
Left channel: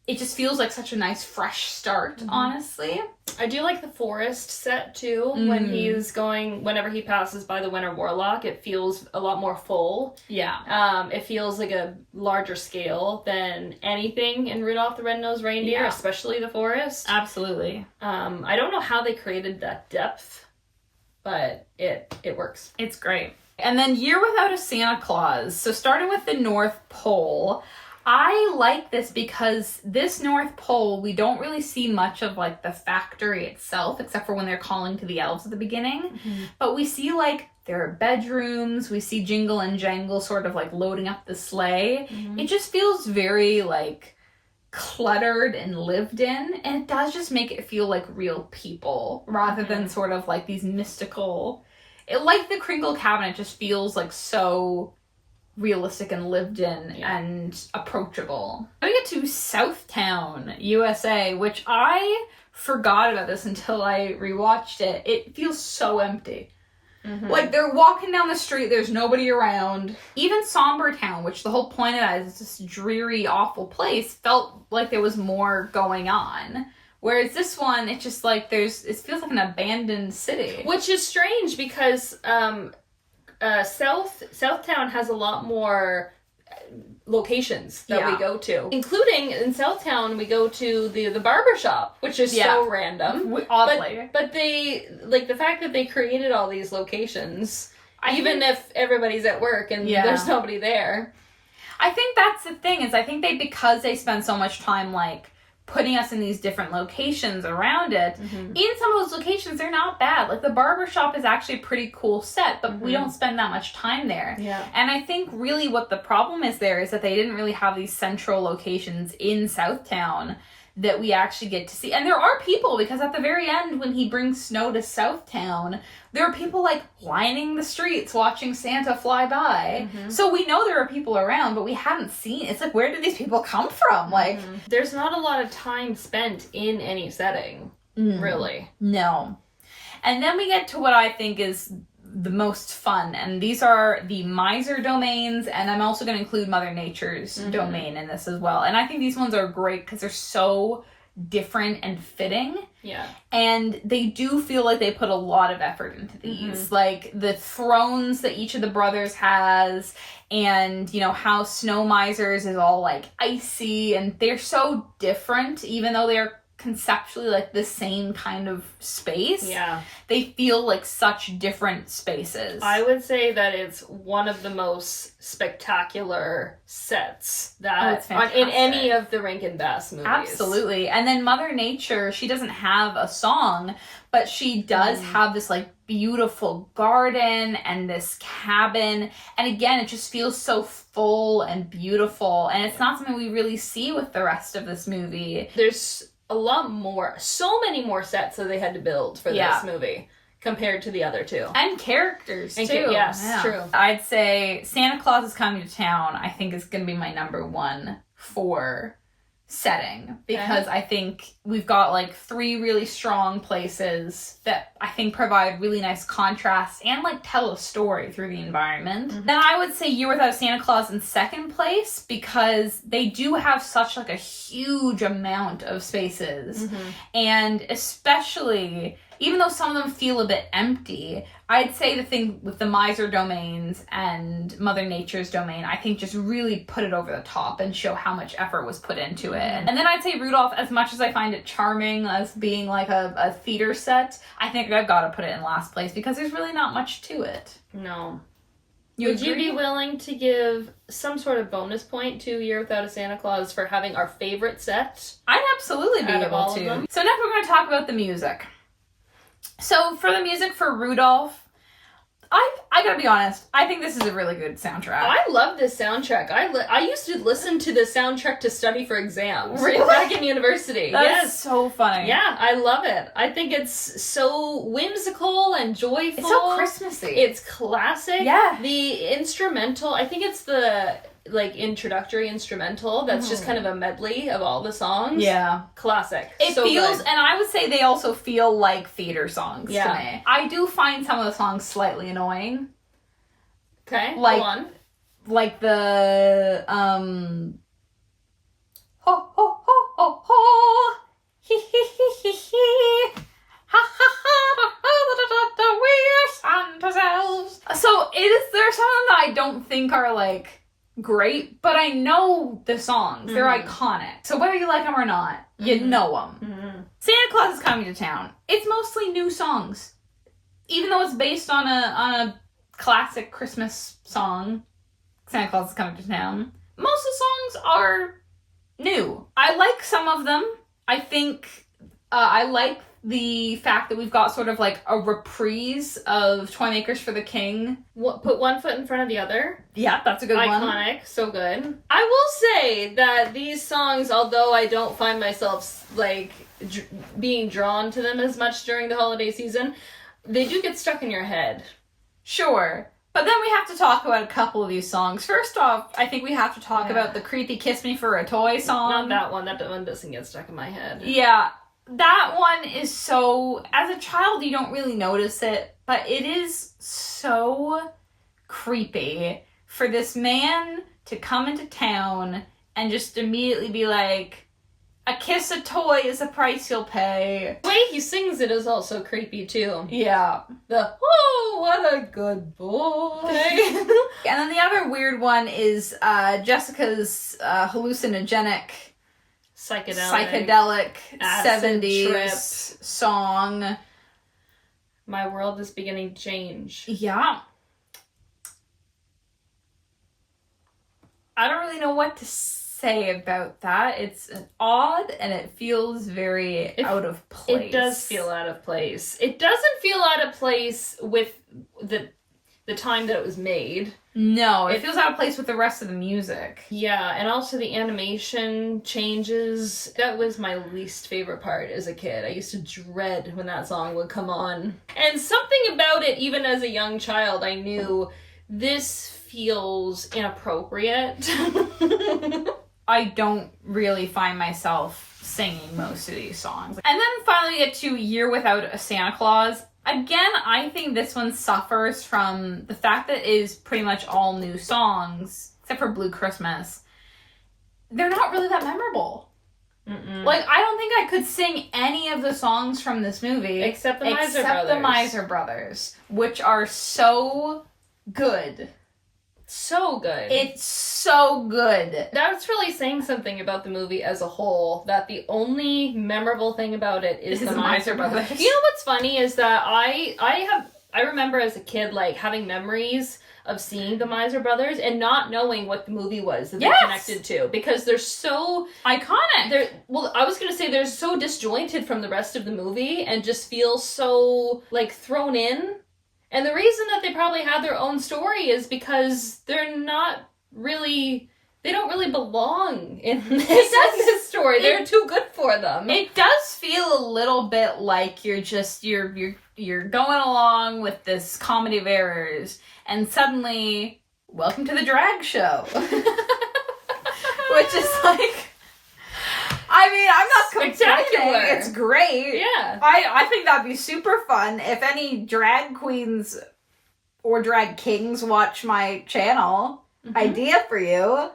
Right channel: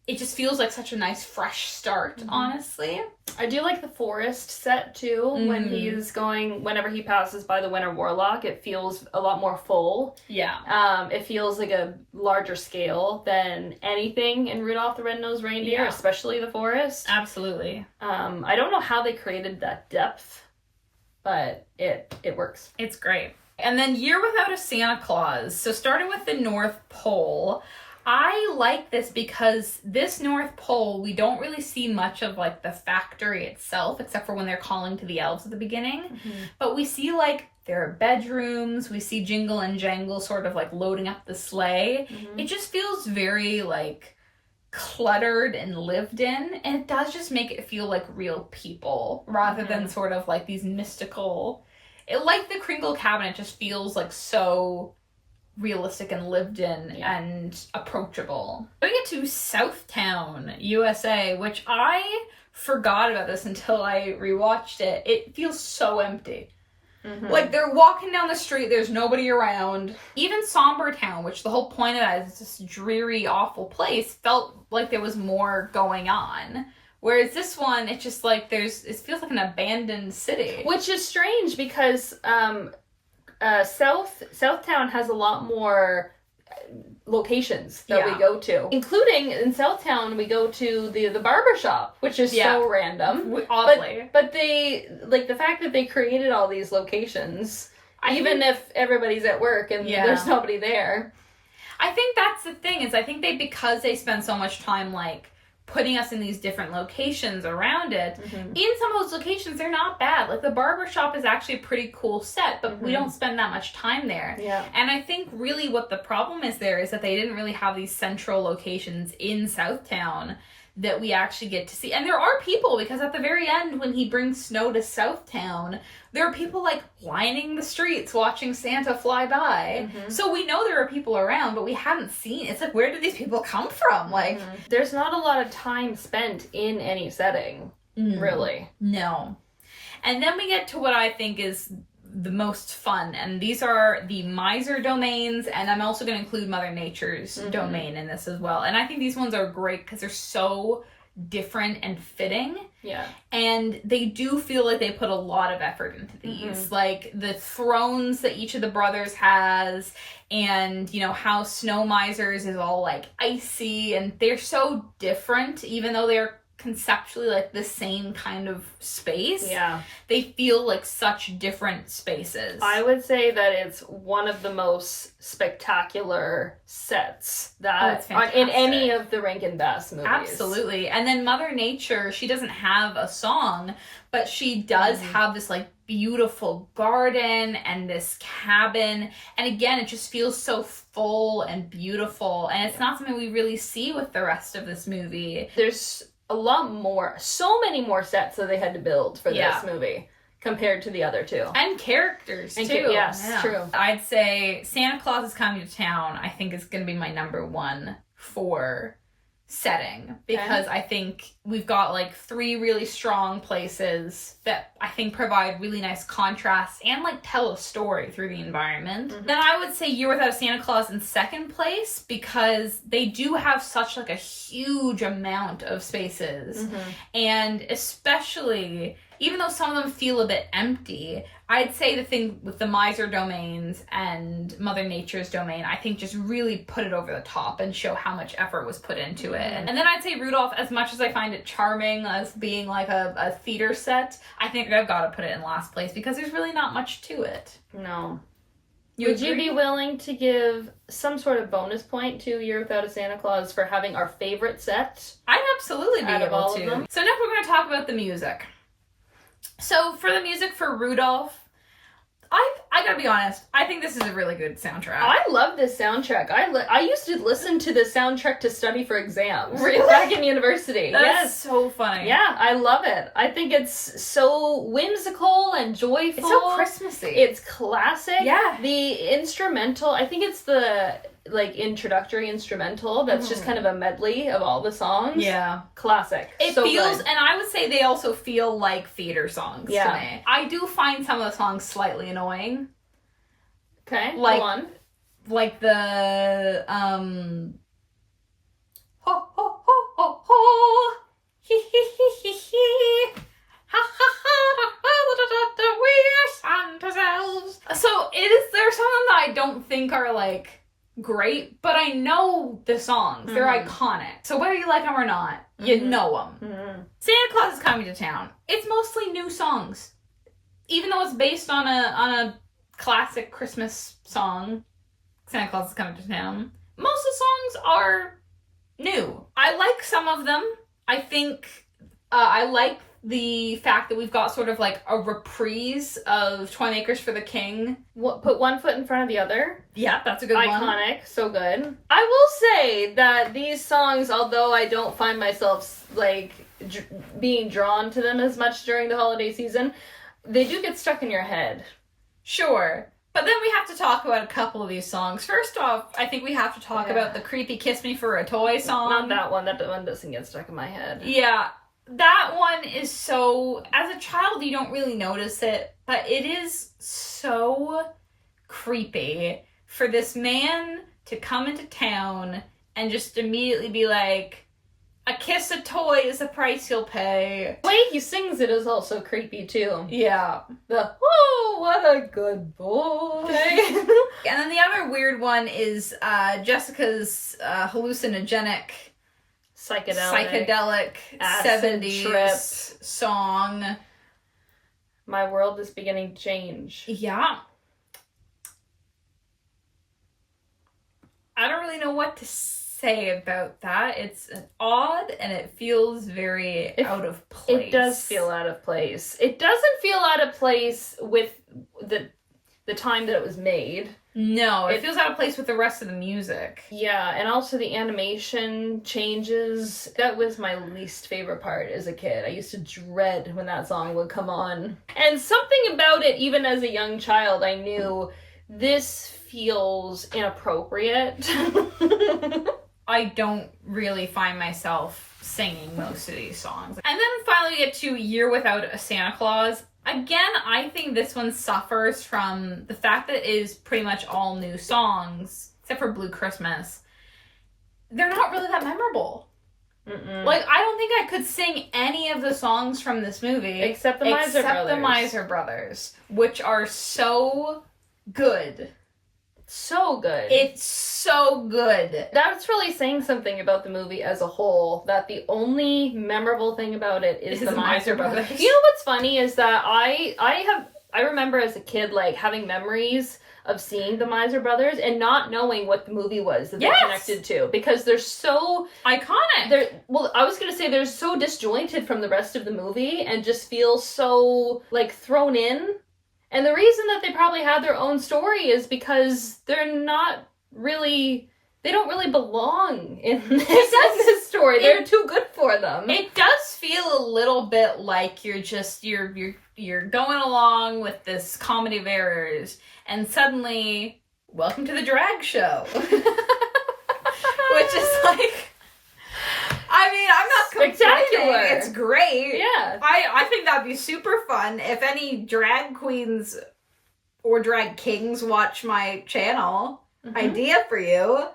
it just feels like such a nice fresh start, honestly. I do like the forest set too. When he's going, whenever he passes by the Winter Warlock, it feels a lot more full. Yeah. It feels like a larger scale than anything in Rudolph the Red-Nosed Reindeer, especially the forest. Absolutely. I don't know how they created that depth, but it works. It's great. And then Year Without a Santa Claus. So starting with the North Pole, I like this because this North Pole, we don't really see much of like the factory itself, except for when they're calling to the elves at the beginning. But we see like there are bedrooms, we see Jingle and Jangle sort of like loading up the sleigh. It just feels very like cluttered and lived in, and it does just make it feel like real people rather than sort of like these mystical, like the Kringle Cabin, it just feels like so realistic and lived in and approachable. We get to Southtown, USA, which I forgot about this until I rewatched it. It feels so empty. Like they're walking down the street, there's nobody around. Even Somber Town, which the whole point of that is this dreary, awful place, felt like there was more going on. Whereas this one, it's just like it feels like an abandoned city. Which is strange because Southtown has a lot more locations that we go to, including in Southtown we go to the barber shop, which is so random, oddly. But they like the fact that they created all these locations, even if everybody's at work and there's nobody there. I think that's the thing, is I think because they spend so much time like putting us in these different locations around it, in some of those locations they're not bad. Like the barber shop is actually a pretty cool set, but we don't spend that much time there. And I think really what the problem is there is that they didn't really have these central locations in Southtown that we actually get to see. And there are people, because at the very end, when he brings snow to Southtown, there are people like lining the streets watching Santa fly by. So we know there are people around, but we haven't seen. It's like, where did these people come from? Like, there's not a lot of time spent in any setting, really. No. And then we get to what I think is the most fun, and these are the miser domains, and I'm also going to include Mother Nature's domain in this as well. And I think these ones are great because they're so different and fitting. Yeah. And they do feel like they put a lot of effort into these. Like the thrones that each of the brothers has, and, you know, how Snow Miser's is all like icy, and they're so different, even though they're conceptually like the same kind of space. Yeah. They feel like such different spaces. I would say that it's one of the most spectacular sets that in any of the Rankin-Bass movies. Absolutely. And then Mother Nature, she doesn't have a song, but she does have this like beautiful garden and this cabin. And again, it just feels so full and beautiful. And it's not something we really see with the rest of this movie. There's a lot more, so many more sets that they had to build for this movie compared to the other two. And characters, too. Yes, true. I'd say Santa Claus is Coming to Town, I think, is going to be my number one for setting. Because I think we've got, like, 3 really strong places that I think provide really nice contrast and, like, tell a story through the environment. Then I would say Year Without Santa Claus in second place, because they do have such, like, a huge amount of spaces. And especially, even though some of them feel a bit empty, I'd say the thing with the miser domains and Mother Nature's domain, I think just really put it over the top and show how much effort was put into it. And then I'd say Rudolph, as much as I find it charming as being like a theater set, I think I've got to put it in last place because there's really not much to it. No. Would you be willing to give some sort of bonus point to Year Without a Santa Claus for having our favorite set? I'd absolutely be able to. So next we're going to talk about the music. So for the music for Rudolph, I gotta be honest, I think this is a really good soundtrack. I love this soundtrack. I used to listen to the soundtrack to study for exams. Really? Back in university. That's so funny. Yeah, I love it. I think it's so whimsical and joyful. It's so Christmassy. It's classic. Yeah. The instrumental, I think it's the like introductory instrumental that's just kind of a medley of all the songs. Yeah. Classic. It so feels, good. and I would say they also feel like theater songs to Yeah. me. I do find some of the songs slightly annoying. Okay, Like, go on. Like the, ho ho ho ho ho, he he he he he, ha ha ha ha da da da, we are Santa's elves. So there's some of them that I don't think are like great, but I know the songs. They're iconic. So whether you like them or not, you know them. Santa Claus is Coming to Town. It's mostly new songs. Even though it's based on a classic Christmas song, Santa Claus is Coming to Town, most of the songs are new. I like some of them. I think I like the fact that we've got sort of like a reprise of Toymakers for the King. Put one foot in front of the other. Yeah, that's a good one. Iconic, so good. I will say that these songs, although I don't find myself like being drawn to them as much during the holiday season, they do get stuck in your head. Sure. But then we have to talk about a couple of these songs. First off, I think we have to talk about the creepy Kiss Me for a Toy song. Not that one. That one doesn't get stuck in my head. Yeah. That one is so, as a child, you don't really notice it, but it is so creepy for this man to come into town and just immediately be like, a kiss a toy is the price you'll pay. The way he sings it is also creepy, too. Yeah. The, oh, what a good boy. And then the other weird one is Jessica's hallucinogenic psychedelic 70s trip song. My world is beginning to change. Yeah. I don't really know what to say about that. It's odd and it feels very out of place. It does feel out of place. It doesn't feel out of place with the time that it was made. No, it feels out of place with the rest of the music. Yeah, and also the animation changes. That was my least favorite part as a kid. I used to dread when that song would come on. And something about it, even as a young child, I knew this feels inappropriate. I don't really find myself singing most of these songs. And then finally we get to Year Without a Santa Claus. Again, I think this one suffers from the fact that it is pretty much all new songs, except for Blue Christmas. They're not really that memorable. Like, I don't think I could sing any of the songs from this movie. Except the Miser Brothers, which are so good. So good. It's so good. That's really saying something about the movie as a whole, that the only memorable thing about it is the Miser Brothers. You know what's funny is that I remember as a kid, like, having memories of seeing the Miser Brothers and not knowing what the movie was that they connected to, because they're so iconic. I was gonna say they're so disjointed from the rest of the movie and just feel so, like, thrown in. And the reason that they probably had their own story is because they don't really belong in this story. They're too good for them. It does feel a little bit like you're going along with this comedy of errors, and suddenly, welcome to the drag show. Which is like, I mean, I'm not spectacular. It's great. Yeah. I think that'd be super fun. If any drag queens or drag kings watch my channel, idea for you.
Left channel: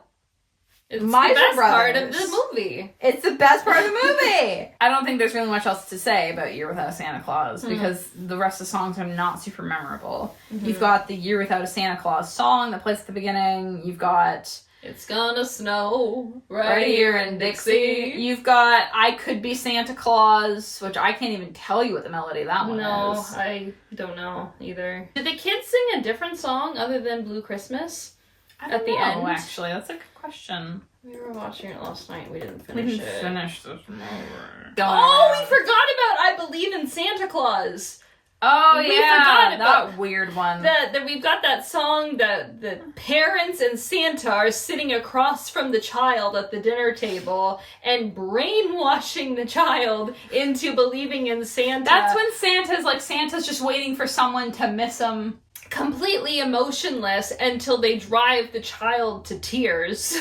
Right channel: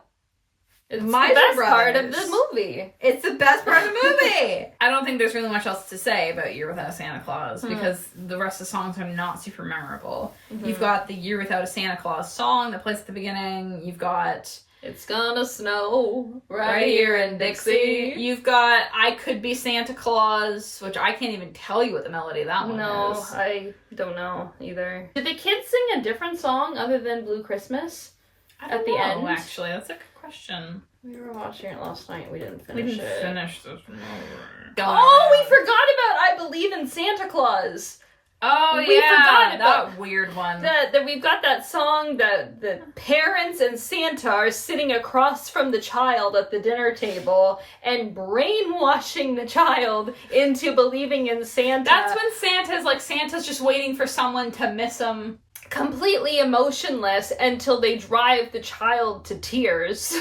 It's the best part of the movie. It's the best part of the movie. I don't think there's really much else to say about Year Without a Santa Claus because the rest of the songs are not super memorable. You've got the Year Without a Santa Claus song that plays at the beginning. You've got It's Gonna Snow right here in Dixie. You've got I Could Be Santa Claus, which I can't even tell you what the melody of that one is. No, I don't know either. Did the kids sing a different song other than Blue Christmas? At the end, actually, that's a good question. We were watching it last night. We didn't finish it. Finish this movie. Oh, we forgot about I Believe in Santa Claus. Oh, we forgot about that weird one. That we've got that song that the parents and Santa are sitting across from the child at the dinner table and brainwashing the child into believing in Santa. That's when Santa's just waiting for someone to miss him. Completely emotionless until they drive the child to tears.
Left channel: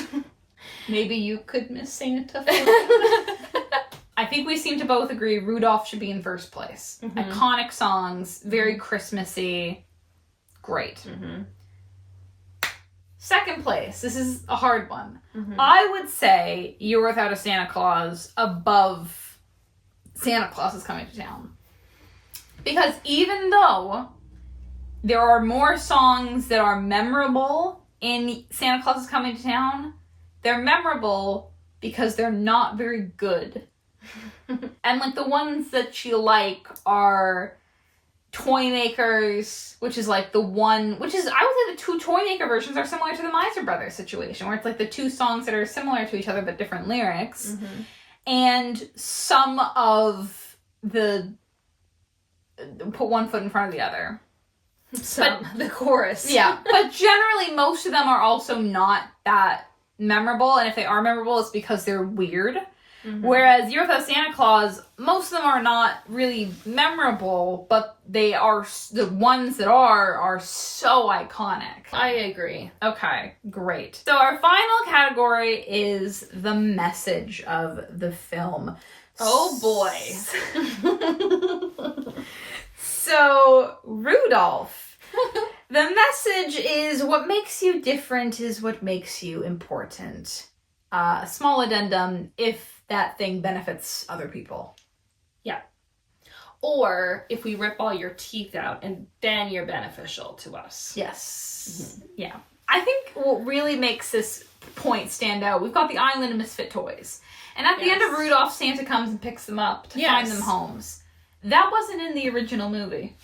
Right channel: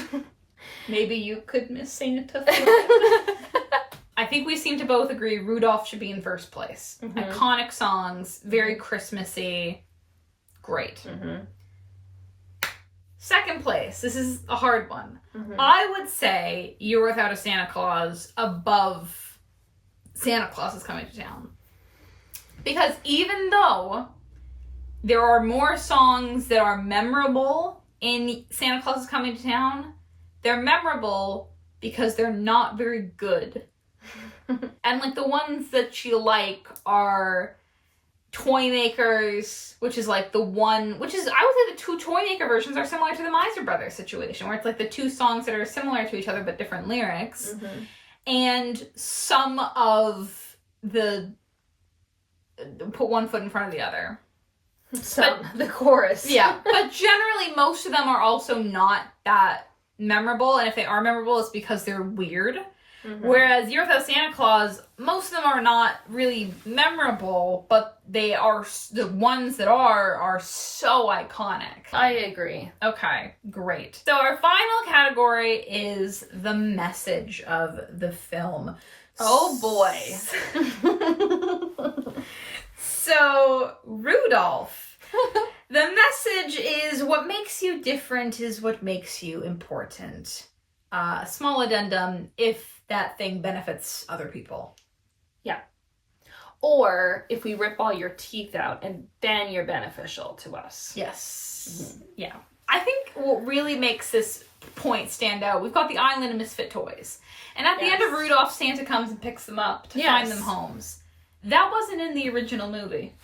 Maybe you could miss Santa. I think we seem to both agree Rudolph should be in first place. Iconic songs, very Christmassy. Great. Second place. This is a hard one. I would say Year Without a Santa Claus above Santa Claus is Coming to Town. Because even though there are more songs that are memorable in Santa Claus is Coming to Town, they're memorable because they're not very good. And like the ones that you like are Toy Makers, which is like the one, which is, I would say the two Toy Maker versions are similar to the Miser Brothers situation, where it's like the two songs that are similar to each other but different lyrics. And some of the put one foot in front of the other. The chorus. Yeah. But generally, most of them are also not that memorable. And if they are memorable, it's because they're weird. Whereas Year Without Santa Claus, most of them are not really memorable, but they are, the ones that are so iconic. I agree. Okay, great. So our final category is the message of the film. Oh boy. So, Rudolph. The message is what makes you different is what makes you important. Small addendum, if that thing benefits other people. Yeah. Or if we rip all your teeth out and then you're beneficial to us. Yes. Yeah. I think what really makes this point stand out, we've got the island of misfit toys. And at the end of Rudolph, Santa comes and picks them up to find them homes. That wasn't in the original movie.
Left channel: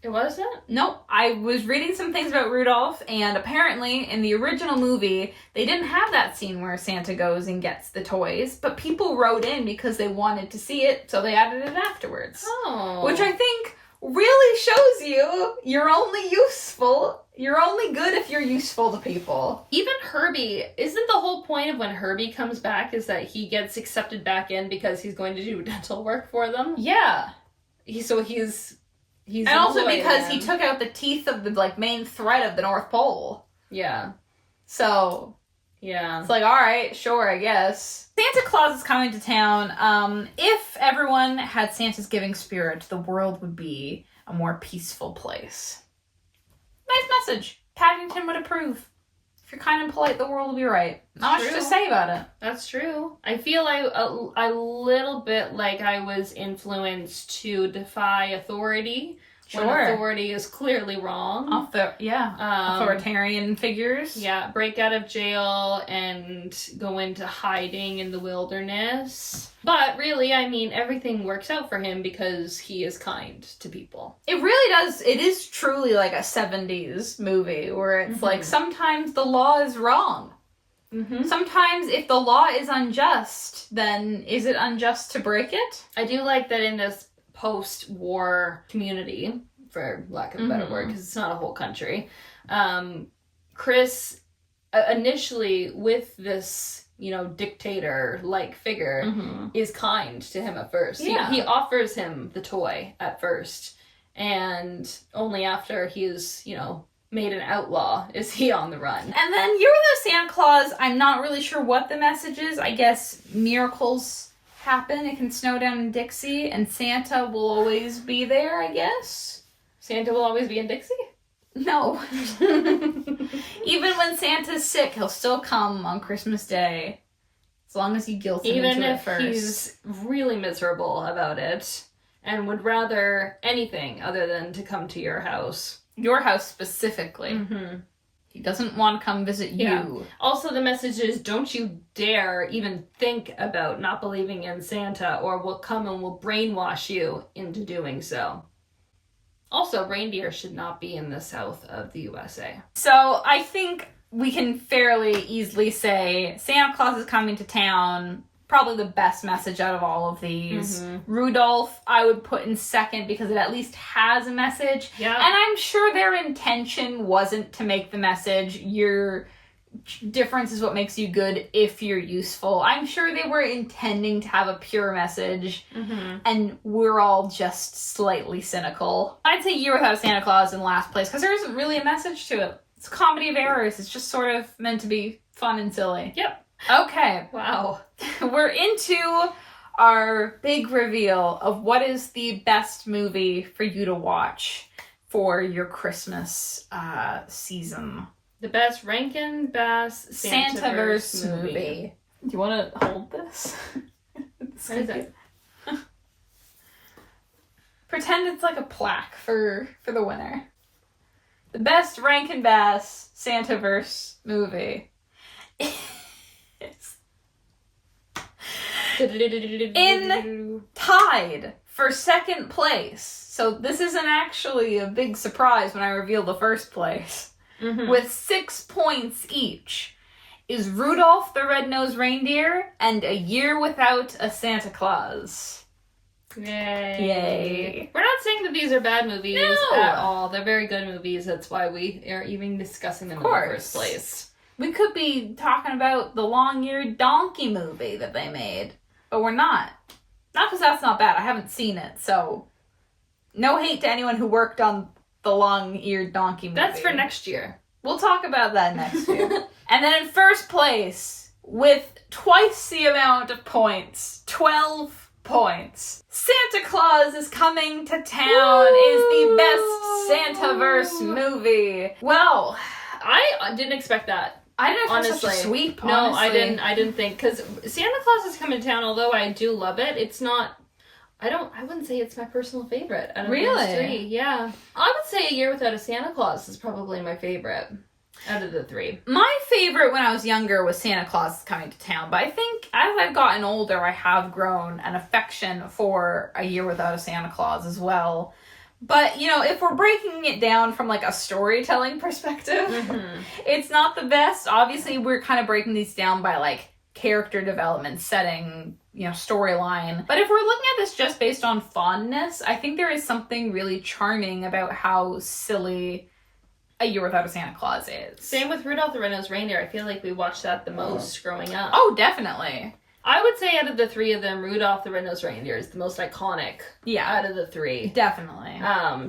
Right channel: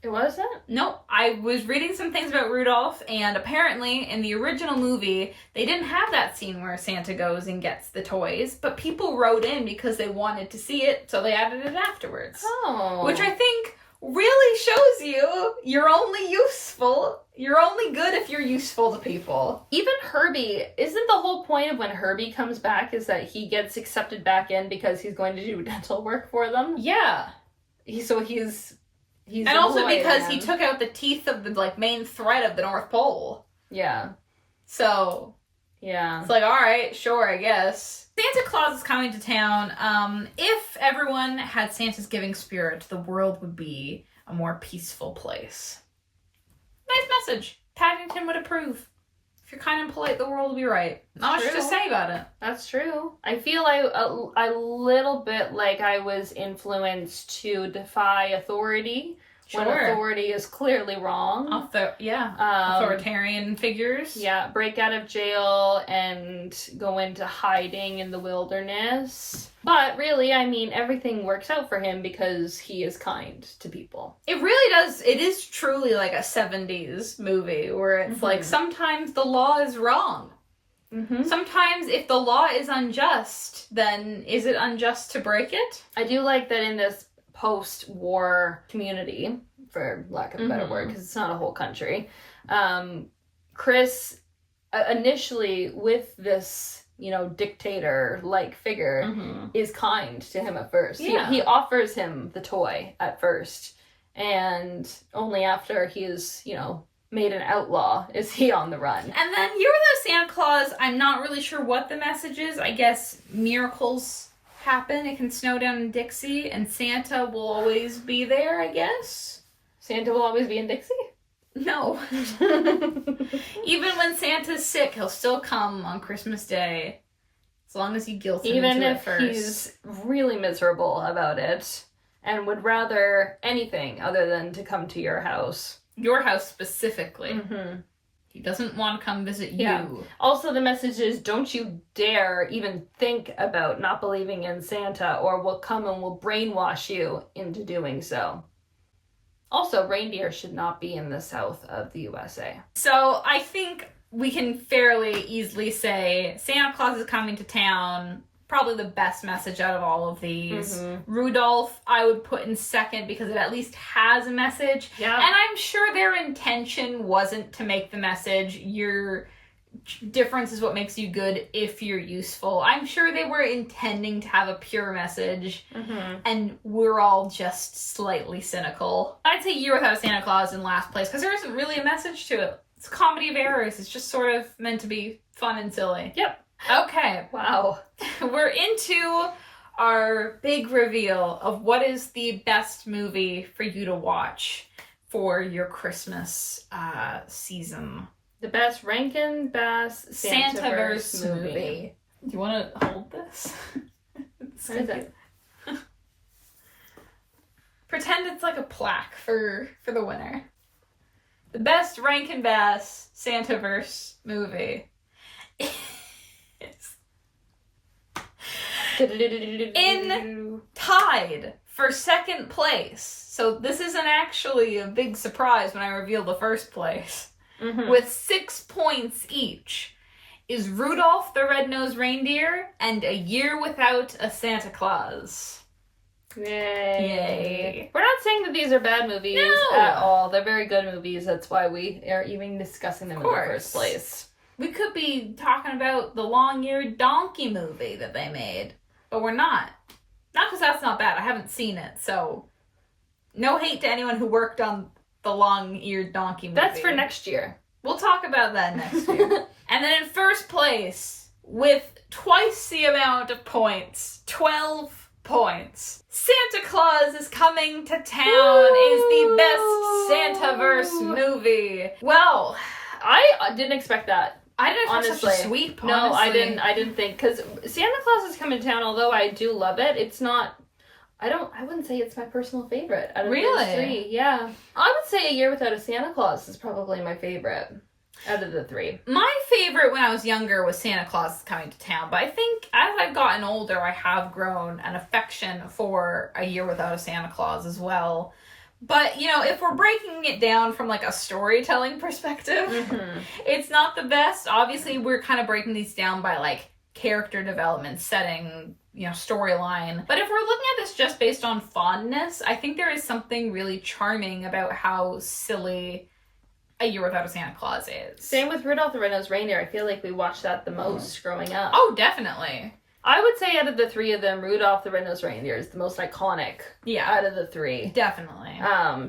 It wasn't? Nope. I was reading some things about Rudolph, and apparently in the original movie, they didn't have that scene where Santa goes and gets the toys, but people wrote in because they wanted to see it, so they added it afterwards. Oh. Which I think really shows you you're only useful. You're only good if you're useful to people. Even Herbie, isn't the whole point of when Herbie comes back is that he gets accepted back in because he's going to do dental work for them? Yeah. He's and also because again. he took out the teeth of the like main thread of the North Pole. Yeah. So Yeah. it's like, all right, sure, I guess. Santa Claus is coming to town. If everyone had Santa's giving spirit, the world would be a more peaceful place. Nice message. Paddington would approve. If you're kind and polite, the world will be right. Not much to say about it. That's true. I feel like a little bit like I was influenced to defy authority. Sure. When authority is clearly wrong. Authoritarian figures. Yeah, break out of jail and go into hiding in the wilderness. But really, I mean, everything works out for him because he is kind to people. It really does. It is truly like a 70s movie where it's like sometimes the law is wrong. Mm-hmm. Sometimes if the law is unjust, then is it unjust to break it? I do like that in this post-war community, for lack of a better word, because it's not a whole country. Chris, initially with this, dictator-like figure, is kind to him at first. Yeah. He offers him the toy at first, and only after he is, made an outlaw is he on the run. And then Year Without Santa Claus, I'm not really sure what the message is. I guess miracles happen. It can snow down in Dixie, and Santa will always be there, I guess. Santa will always be in Dixie? No. Even when Santa's sick, he'll still come on Christmas Day. As long as you guilt him Even into it if first. he's really miserable about it and would rather anything other than to come to your house. Your house specifically. Mm-hmm. He doesn't want to come visit you. Yeah. Also, the message is, don't you dare even think about not believing in Santa, or we'll come and we'll brainwash you into doing so. Also, reindeer should not be in the south of the USA. So I think we can fairly easily say Santa Claus is coming to town. Probably the best message out of all of these. Rudolph, I would put in second because it at least has a message. Yeah. And I'm sure their intention wasn't to make the message, your difference is what makes you good if you're useful. I'm sure they were intending to have a pure message, and we're all just slightly cynical. I'd say Year Without Santa Claus in last place because there isn't really a message to it. It's a comedy of errors. It's just sort of meant to be fun and silly. Yep. Okay. Wow. We're into our big reveal of what is the best movie for you to watch for your Christmas season. The best Rankin-Bass Santaverse movie. Do you want to hold this? What is it? Pretend it's like a plaque for the winner. The best Rankin-Bass Santaverse movie. In tied for second place. So this isn't actually a big surprise when I reveal the first place. With 6 points each is Rudolph the Red-Nosed Reindeer and A Year Without a Santa Claus. Yay. We're not saying that these are bad movies at all. They're very good movies. That's why we are even discussing them in the first place. We could be talking about the long-eared donkey movie that they made, but we're not. Not because that's not bad. I haven't seen it, so no hate to anyone who worked on the long-eared donkey movie. That's for next year. We'll talk about that next year. And then in first place, with twice the amount of points, 12 points, Santa Claus is Coming to Town is the best Santaverse movie. Well, I didn't expect that. I didn't honestly. Such a sweep, No, honestly. I didn't think, because Santa Claus is Coming to Town, although I do love it, it's not, I wouldn't say it's my personal favorite out of these three. Yeah. I would say A Year Without a Santa Claus is probably my favorite out of the three. My favorite when I was younger was Santa Claus is Coming to Town, but I think as I've gotten older, I have grown an affection for A Year Without a Santa Claus as well. But, if we're breaking it down from, like, a storytelling perspective, it's not the best. Obviously, we're kind of breaking these down by, like, character development, setting, storyline. But if we're looking at this just based on fondness, I think there is something really charming about how silly A Year Without a Santa Claus is. Same with Rudolph the Red-Nosed Reindeer. I feel like we watched that the most growing up. Oh, definitely. I would say out of the three of them, Rudolph the Red-Nosed Reindeer is the most iconic out of the three. Definitely.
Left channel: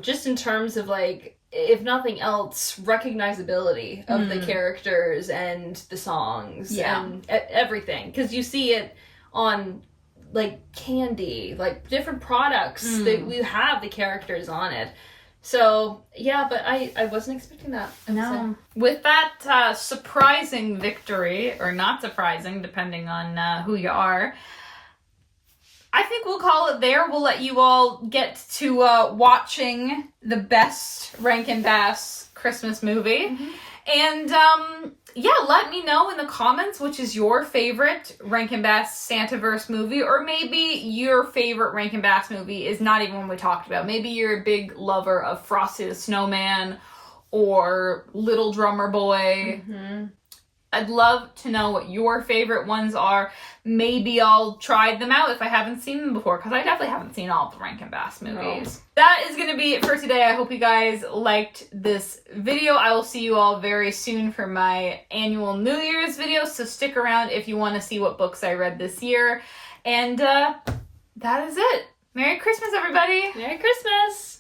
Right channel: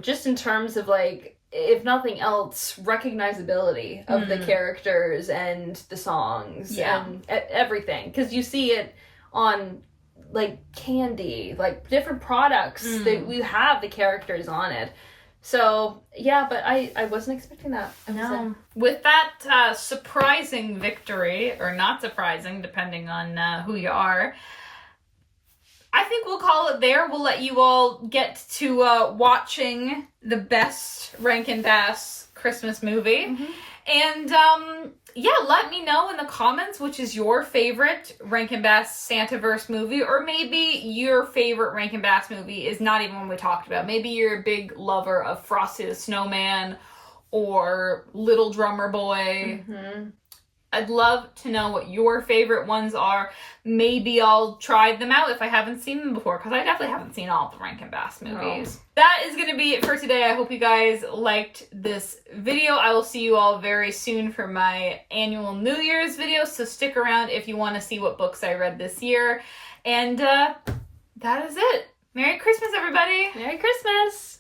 Just in terms of, like, if nothing else, recognizability of the characters and the songs and everything. Because you see it on, like, candy, like, different products that we have the characters on it. So, yeah, but I wasn't expecting that. No. With that surprising victory, or not surprising, depending on who you are, I think we'll call it there. We'll let you all get to watching the best Rankin-Bass Christmas movie. And, let me know in the comments which is your favorite Rankin-Bass Santaverse movie, or maybe your favorite Rankin-Bass movie is not even one we talked about. Maybe you're a big lover of Frosty the Snowman or Little Drummer Boy. I'd love to know what your favorite ones are. Maybe I'll try them out if I haven't seen them before, because I definitely haven't seen all of the Rankin-Bass movies. No. That is going to be it for today. I hope you guys liked this video. I will see you all very soon for my annual New Year's video, so stick around if you want to see what books I read this year. And that is it. Merry Christmas, everybody! Merry Christmas!